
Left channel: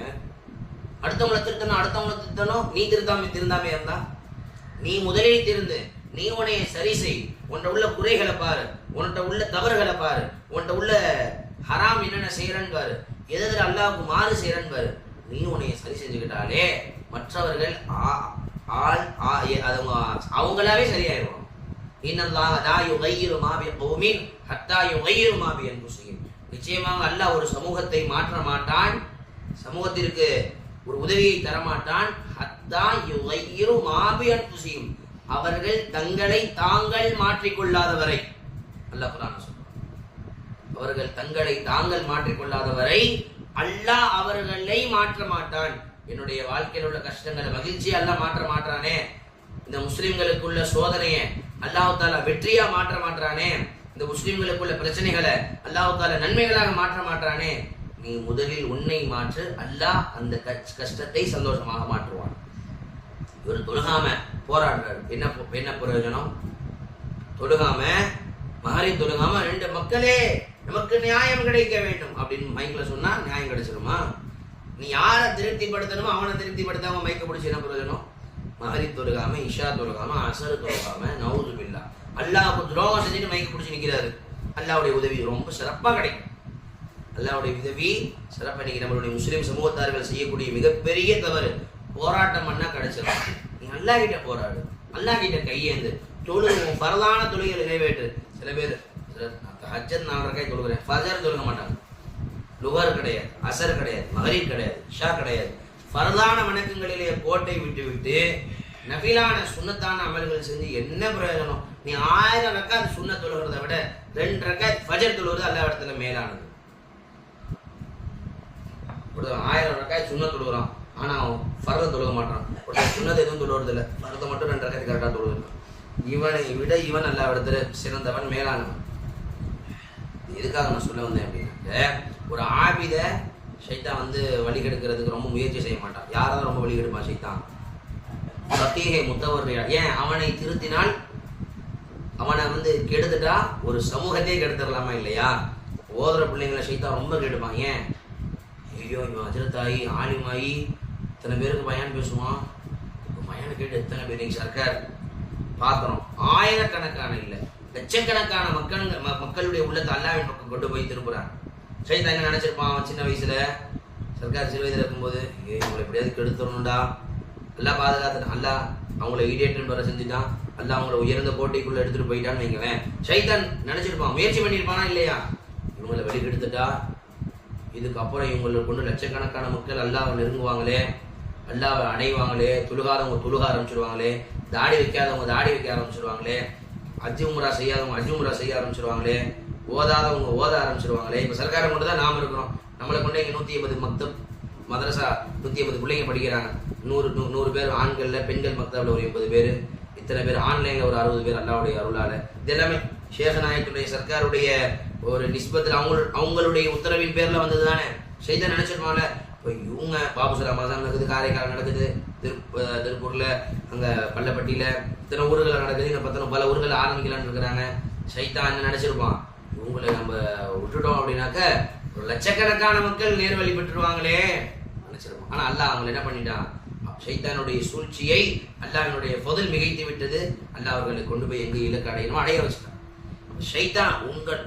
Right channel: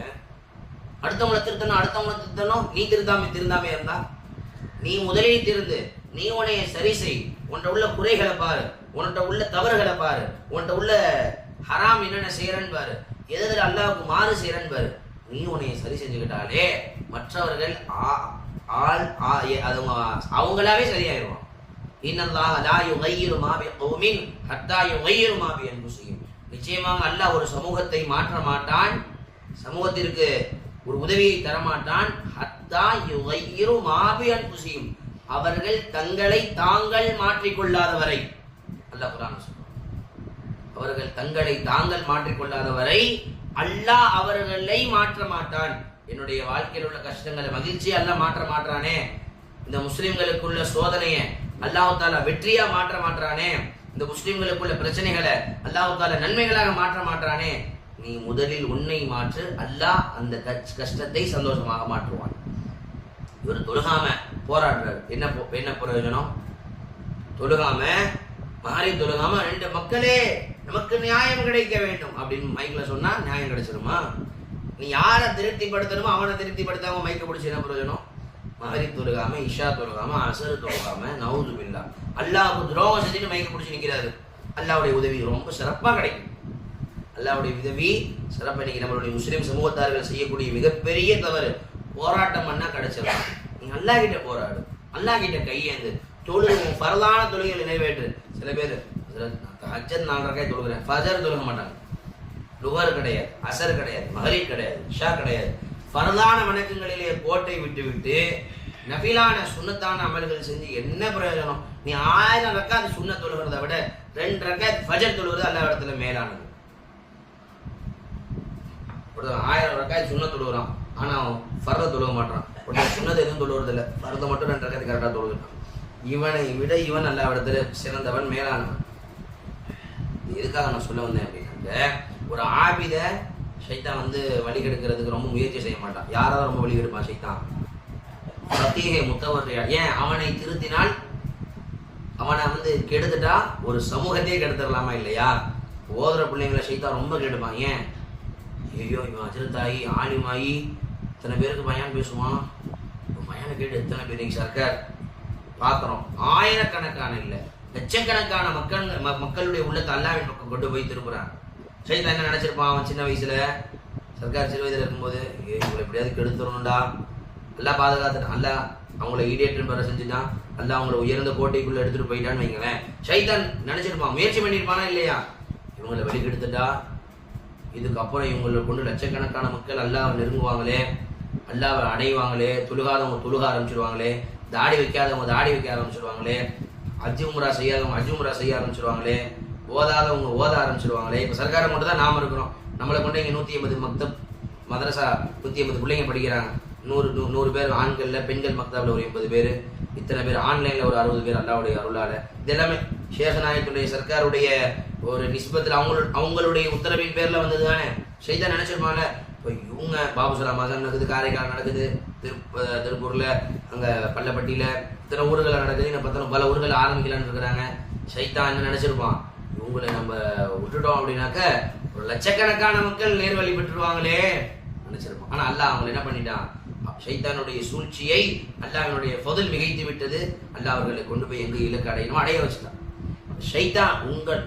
அடுத்தவங்களை திருத்தணும், நீ திருந்தாமே இருந்தா, நீ முதலில் திருந்து நீ உன்னைய சரி செய், உன்கிட்ட உள்ள குறைகளை பாரு, உன்கிட்ட உள்ள தவறுகளை பாரு, உன்கிட்ட உள்ள ஹராம் என்னென்ன செய்யறன்னு பாரு, எதில் அல்லாஹ்வுக்கு மாறு செய்யறன்னு பாரு. நீ உன்னைய சரி செஞ்சுக்கிட்டாலே மற்றவர்கள் அவங்களாவே சரியாயிருவாங்க. இன்னல்லாஹ லா யுகையிரு மா பிகௌமின் ஹத்தா யுகையிரு மா பிஅன்ஃபுஸிஹிம். நிச்சயமாக அல்லாஹ் ஒரு சமூகத்தை மாற்ற மாட்டான், சமூகத்திற்கு ஒரு உதவியை தரமாட்டான். ஹத்தா யுகையிரு மா பிஅன்ஃபுஸிஹிம், அவர்கள் தங்களை தாங்கள் மாற்றிக்கொள்ளாதவரை. அல்லாஹ் குர்ஆன்ல சொல்றான், அவர்கள் தங்களை தாங்கள் மாற்றிக்கொள்ளாதவரை அல்லாஹ் அவர்களை மாற்ற மாட்டான். என்னுடைய வாழ்க்கையில் உள்ள கஷ்டங்களை மகிழ்ச்சியை அல்லாஹ் மாற்ற மாட்டானே, இந்த முஸ்லிம்களுக்குள்ள சோதனையை அல்லாஹ் தாலா வெற்றியா மாற்ற மாட்டானே, இந்த முஸ்லிம்களுக்குள்ள பிரச்சனைகளை அல்லாஹ் தாலா நன்மைகளாக மாற்ற மாட்டானே. நீ முதலில் உன்னை மாற்று, அல்லாஹ் அந்த கஷ்டத்தை சந்தோஷமாக மாற்றுவான். இவர் தொழுகாம போராடுறாரு, என்ன பிரயோஜனம்? தொழுகாம மாறி தொழுகாம ரெண்டு மக்களே நமக்கு நியாயம் கிடைக்க வேண்டும் அப்படின்னு மைக்ல சொன்னா நியாயம் கிடைச்சிருமா? நீ யாரை திருப்திப்படுத்தணுமோ அவனை திருப்திப்படுத்தாம மைக்க பிடிச்சி என்ன பிரயோஜனம்? மகரி தொழுகாம, இஷா தொழுகாம, அசரு தொழுகாம, நவுது பில்லா அல்லாஹ்வுக்கு துரோகம் செஞ்சுட்டு மைக்க பிடிச்சி நிக்கிறாரு. அல்லாஹ்வுடைய உதவி ரொம்ப சிறப்பா கிடைக்கும். அல்லாஹ்வுடைய உதவி சிறப்பா. இன்னைக்கு நம்மளுடைய முஸ்லிம் சமூகத்தார்கள் செய்யக்கூடிய மிகப்பெரிய தவறு, போராட்டம் பண்ணா கிடைச்சிடலாம். நீ அல்லாஹ் கிட்ட போராடு, அல்லாஹ் கிட்ட கையேந்து தொழுது, உன் பரலான தொழுகைகளை நிறைவேற்று. சில பேர் தஹஜ்ஜத் 4 ரக்காத் தொழுகிறேன், ஃபஜர் தொழுக மாட்டாங்க. லுகர் கிடையாது, அசர் கிடையாது, மகரிப் கிடையாது, இஷா கிடையாது. ஃபர்லான வணக்கங்களிலே கோட்டை விட்டு விட்டு நஃபிலான சுன்னத்தான அமல்கள் செஞ்சு என்ன பிரயோஜனம்? நீ 1000 ரக்காத் சுன்னத் தொழுகிறத விட 2 ரக்காத் ஃபஜர் தொழுகிறது அல்லாஹ் இடத்துல மேலானது. 1000 ரக்காத் சுன்னத் தொழுகிறான், ஆனா ஃபர்த தொழுக மாட்டான். சுன்னத் எதுவும் தொழுகிறது இல்லை, ஃபர்த மட்டும் 2 ரக்காத் கரெக்டாக தொழுகிறான். இவனை விட இவன் அல்லாஹ் இடத்துல சிறந்தவன், மேலானவன். எதுக்காக நான் சொல்ல வந்தேன் அப்படின்னாக்க, ஒரு ஆபித ஷைத்தான் வழி கெடுக்கிறதுக்கு ரொம்ப முயற்சி செய்ய மாட்டான். யாராவது ரொம்ப வழி கெடுப்பான் ஷைத்தான்? சத்தியே முத்தவர்றியா. ஏன்? அவனை திருத்தினால், அவனை கெடுத்துட்டா ஒரு சமூகத்தையே கெடுத்துடலாமா இல்லையா? ஓதுற பிள்ளைங்களை ஷைத்தான் ரொம்ப கெடுப்பான். ஏன்? ஐயோ இவன் அஜரத்தாயி ஆலிமாயி இத்தனை பேருக்கு பயான் பேசுவான், பயானை கேட்டு எத்தனை பேர் நீங்க சர்க்கார் பார்க்கிறோம். ஆயிரக்கணக்கான இல்லை லட்சக்கணக்கான மக்களுடைய உள்ளத்தை அல்லாஹ்வின் பக்கம் கொண்டு போய் திருப்புறான். ஷைத்தான் என்ன நினைச்சிருப்பான்? அவன் சின்ன வயசுல சர்க்கார் சிறு வயதுல இருக்கும்போது, இவங்களை எப்படியாவது கெடுத்துடணும்டா, அல்லாஹ் பாதுகாத்துட்டான், அல்லாஹ் அவங்கள ஈடேற்றம் பெற செஞ்சுட்டான், அல்லாஹ் அவங்கள உயர்ந்த கோட்டைக்குள்ள எடுத்துட்டு போயிட்டான்னு வைங்களேன். ஷைத்தான் நினைச்சிருப்பான், முயற்சி பண்ணியிருப்பானா இல்லையா? இவங்களை வெளிக்கெடுத்துட்டா இதுக்கப்புறம் இவங்களை கொண்டு லட்சக்கணக்கான மக்கள் அல்லாஹ் நெருங்குவாங்களே, அல்லாஹ் அடைவாங்களே, தொழுகாதவங்க தொழுக ஆரம்பிச்சிருவாங்களே, தாடி வைக்காதவங்க தாடி வைக்க ஆரம்பிச்சிருவாங்களே, அஜ் உம்ரா செய்யாதவங்க அஜ் உம்ரா செய்ய ஆரம்பிச்சிருவாங்களே, ஓதாதவங்க ஓத ஆரம்பிச்சிருவாங்களே. இப்போ சர்க்காரம் கொண்டு தான் நாம இருக்கிறோம். நம்மளை கொண்டு இங்கே 180 மக்தப் மதரசா 180 பிள்ளைங்க படிக்கிறாங்க. 100 பேர் ஆண்கள்ல, பெண்கள் மக்தப்ல ஒரு 80 பேர், இத்தனை பேர் ஆன்லைன்ல ஒரு 60 பேர் அல்லாஹ்வுடைய அருளால. இது எல்லாமே ஷேகநாயகத்துடைய சர்க்காருடைய ஒரு நிஸ்பத்தில் அவங்களுடைய உத்தரவின் பேர்ல வந்தது தானே. ஷைத்தான் நினைச்சிருப்பாங்க, இப்போ இவங்க பாபுசரா மசான் நடக்குது, காரைக்கால் நடக்குது, திருப்பூர்ல, அங்க பள்ளப்பட்டியில, இத்தனை ஊர்கள் நடக்குது, இன்னும் பார்த்தாலும் பல ஊர்கள் ஆரம்பிக்கலான்னு இருக்கிறாங்க. ஷைத்தான் என்ன நினைச்சிருப்பான், இவங்களை நம்ம விட்டுட்டோம் அப்படின்னாக்க ஒரு லட்சக்கணக்கான மக்கள் நேர்வழி பெற்றுருவாங்களே நினைச்சிருப்பான். ஆனா அல்லாஹ் அவங்களை என்ன பண்ணிட்டான்? ஷைத்தானுடைய சூழ்ச்சியை அல்லாஹ்வினுடைய ஃபضல் மிகைத்து விட்டது. அல்லாஹ் அவர்களை கொண்டு போய் எங்க இலக்கு அடையணுமோ அடைய வச்சுட்டான். ஷைத்தான்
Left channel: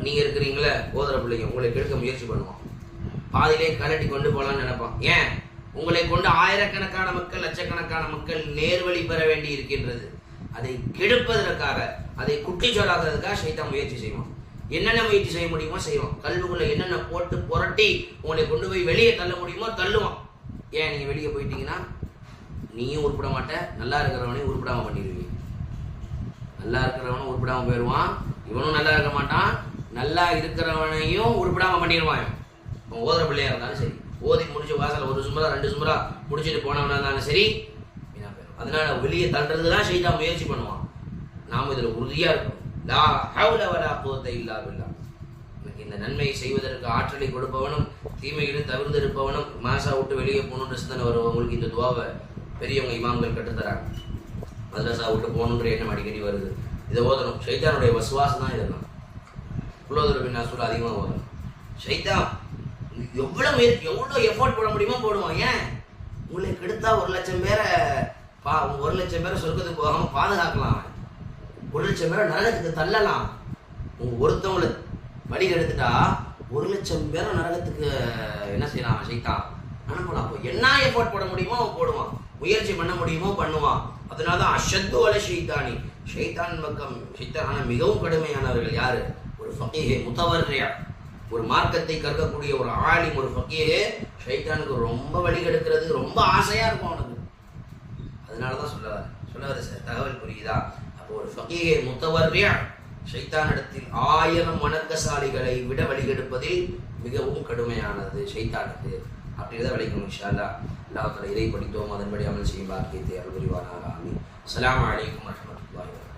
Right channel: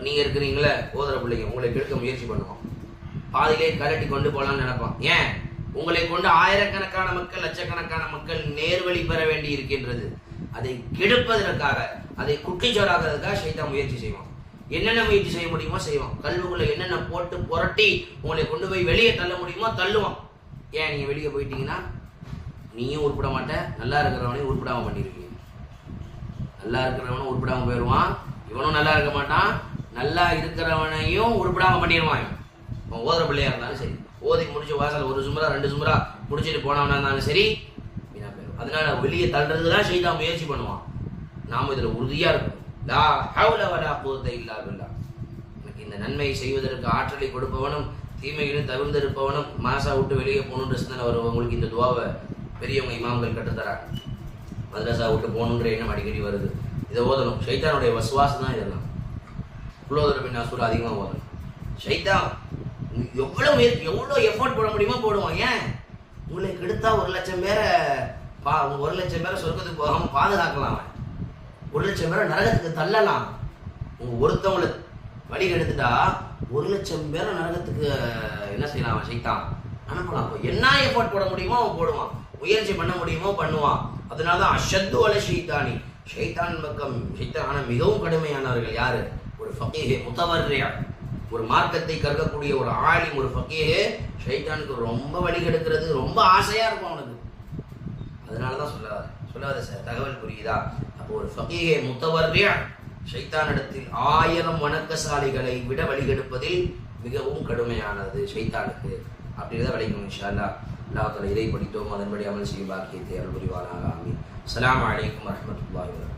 நீங்க இருக்கிறீங்களே ஓதுற பிள்ளைங்க, உங்களை கெடுக்க முயற்சி பண்ணுவான், பாதியிலே கலட்டி கொண்டு போலான்னு நினைப்பான். ஏன்? உங்களை கொண்டு ஆயிரக்கணக்கான மக்கள், லட்சக்கணக்கான மக்கள் நேர்வழி பெற வேண்டி இருக்கின்றது. அதை கெடுப்பதற்காக, அதை குட்டிச்சோராகிறதுக்காக ஷைத்தான் முயற்சி செய்வான். என்னென்ன முயற்சி செய்ய முடியுமோ செய்வான். கல்விக்குள்ள என்னென்ன போட்டு புரட்டி உங்களை கொண்டு போய் வெளியே தள்ள முடியுமோ தள்ளுவான். ஏன்? நீங்க வெளியே போயிட்டீங்கன்னா நீயும் உருப்பிட மாட்ட, நல்லா இருக்கிறவனையும் உருப்பிடாம பண்ணிருவீங்க. நல்லா இருக்கிறவனும் உருப்பிடாம போயிடுவான், இவனும் நல்லா இருக்க மாட்டான், நல்லா இருக்கிறவனையும் உருப்பிடாம பண்ணிடுவான். அவன் ஓதுற பிள்ளையா இருந்தாலும் சரி, ஓதி முடிச்சு வாசல் 1 சுமரா 2 சுமரா முடிச்சுட்டு போனவனா இருந்தாலும் சரி, வீணா போயிடும். அதனால வெளியே தள்ளுறதுதான் ஷைத்தான் முயற்சி பண்ணுவான். நாம இதுல உறுதியா இருக்கணும். லா ஹவ்ல வலா குவத்த இல்லா பில்லாஹ். எனக்கு இந்த நன்மை செய்வதற்கு ஆற்றலை கொடுப்பவனும் தீமையிலும் தவிர்த்து இருப்பவனும் மாசா விட்டு வெளியே போகணுன்ற சிந்தனை வருவவங்களுக்கு இந்த துவாவை பெரியவங்க இமாம்கள் கற்றுத்தராங்க. மதரசா விட்டு போகணுன்ற எண்ணம் அடிக்கடி வருது. இதை ஓதணும். ஷைத்தானுடைய வசுவாசம் தான் இதெல்லாம். குலோதர பின் அசூல் அதிகமாக ஓதணும். ஷைத்தான் எவ்வளோ எஃபோர்ட் போட முடியுமோ போடுவான். ஏன்? உங்களுக்கு எடுத்தா 1 லட்சம் பேரை 1 லட்சம் பேரை சொர்க்கத்துக்கு போகாம பாதுகாக்கலாம். 1,00,000 பேரை நரகத்துக்கு தள்ளலாம். உங்க ஒருத்தவங்களை வழி எடுத்துட்டா 1,00,000 பேரை நரகத்துக்கு என்ன செய்யலாம்? சைத்தான் அனுப்பலாம். அப்போ என்ன எஃபோர்ட் போட முடியுமோ அவன் போடுவான், முயற்சி பண்ண முடியுமோ பண்ணுவான். அதனாலதான் அஷத்து வலை ஷைத்தானி, ஷைத்தான் பக்கம் ஷைத்தான மிகவும் கடுமையானவர்கள் யாரு? ஒரு ஃபகீஹ் முத்தவர்ரியா, ஒரு மார்க்கத்தை கற்கக்கூடிய ஒரு ஆலிம், ஒரு ஃபகீஹ் ஷைத்தானுக்கு ரொம்ப வழி கெடுக்கிறது ரொம்ப ஆசையா இருக்கும் அவனுக்கு. அதனாலதான் சொல்ல சார் தகவல் புரியுதா? அப்போ ஒரு ஃபகீஹ் முத்தவர்ரியா ஷைத்தானிடத்தில் 1000 வணக்கசாலிகளை விட வழிகெடுப்பதில் மிகவும் கடுமையானது ஷைத்தானுக்கு. அப்படின்றத விளைக்கணும். இன்ஷா அல்லாஹ். அல்லாஹ் தஆலா இதை படித்தோம், அதன்படி அமல் செய்யும் பாக்கியத்தை அருள் புரிவானாக. ஆமீன். அஸ்ஸலாமு அலைக்கும் வரஹ்மத்துல்லாஹி வபரகாத்துஹு.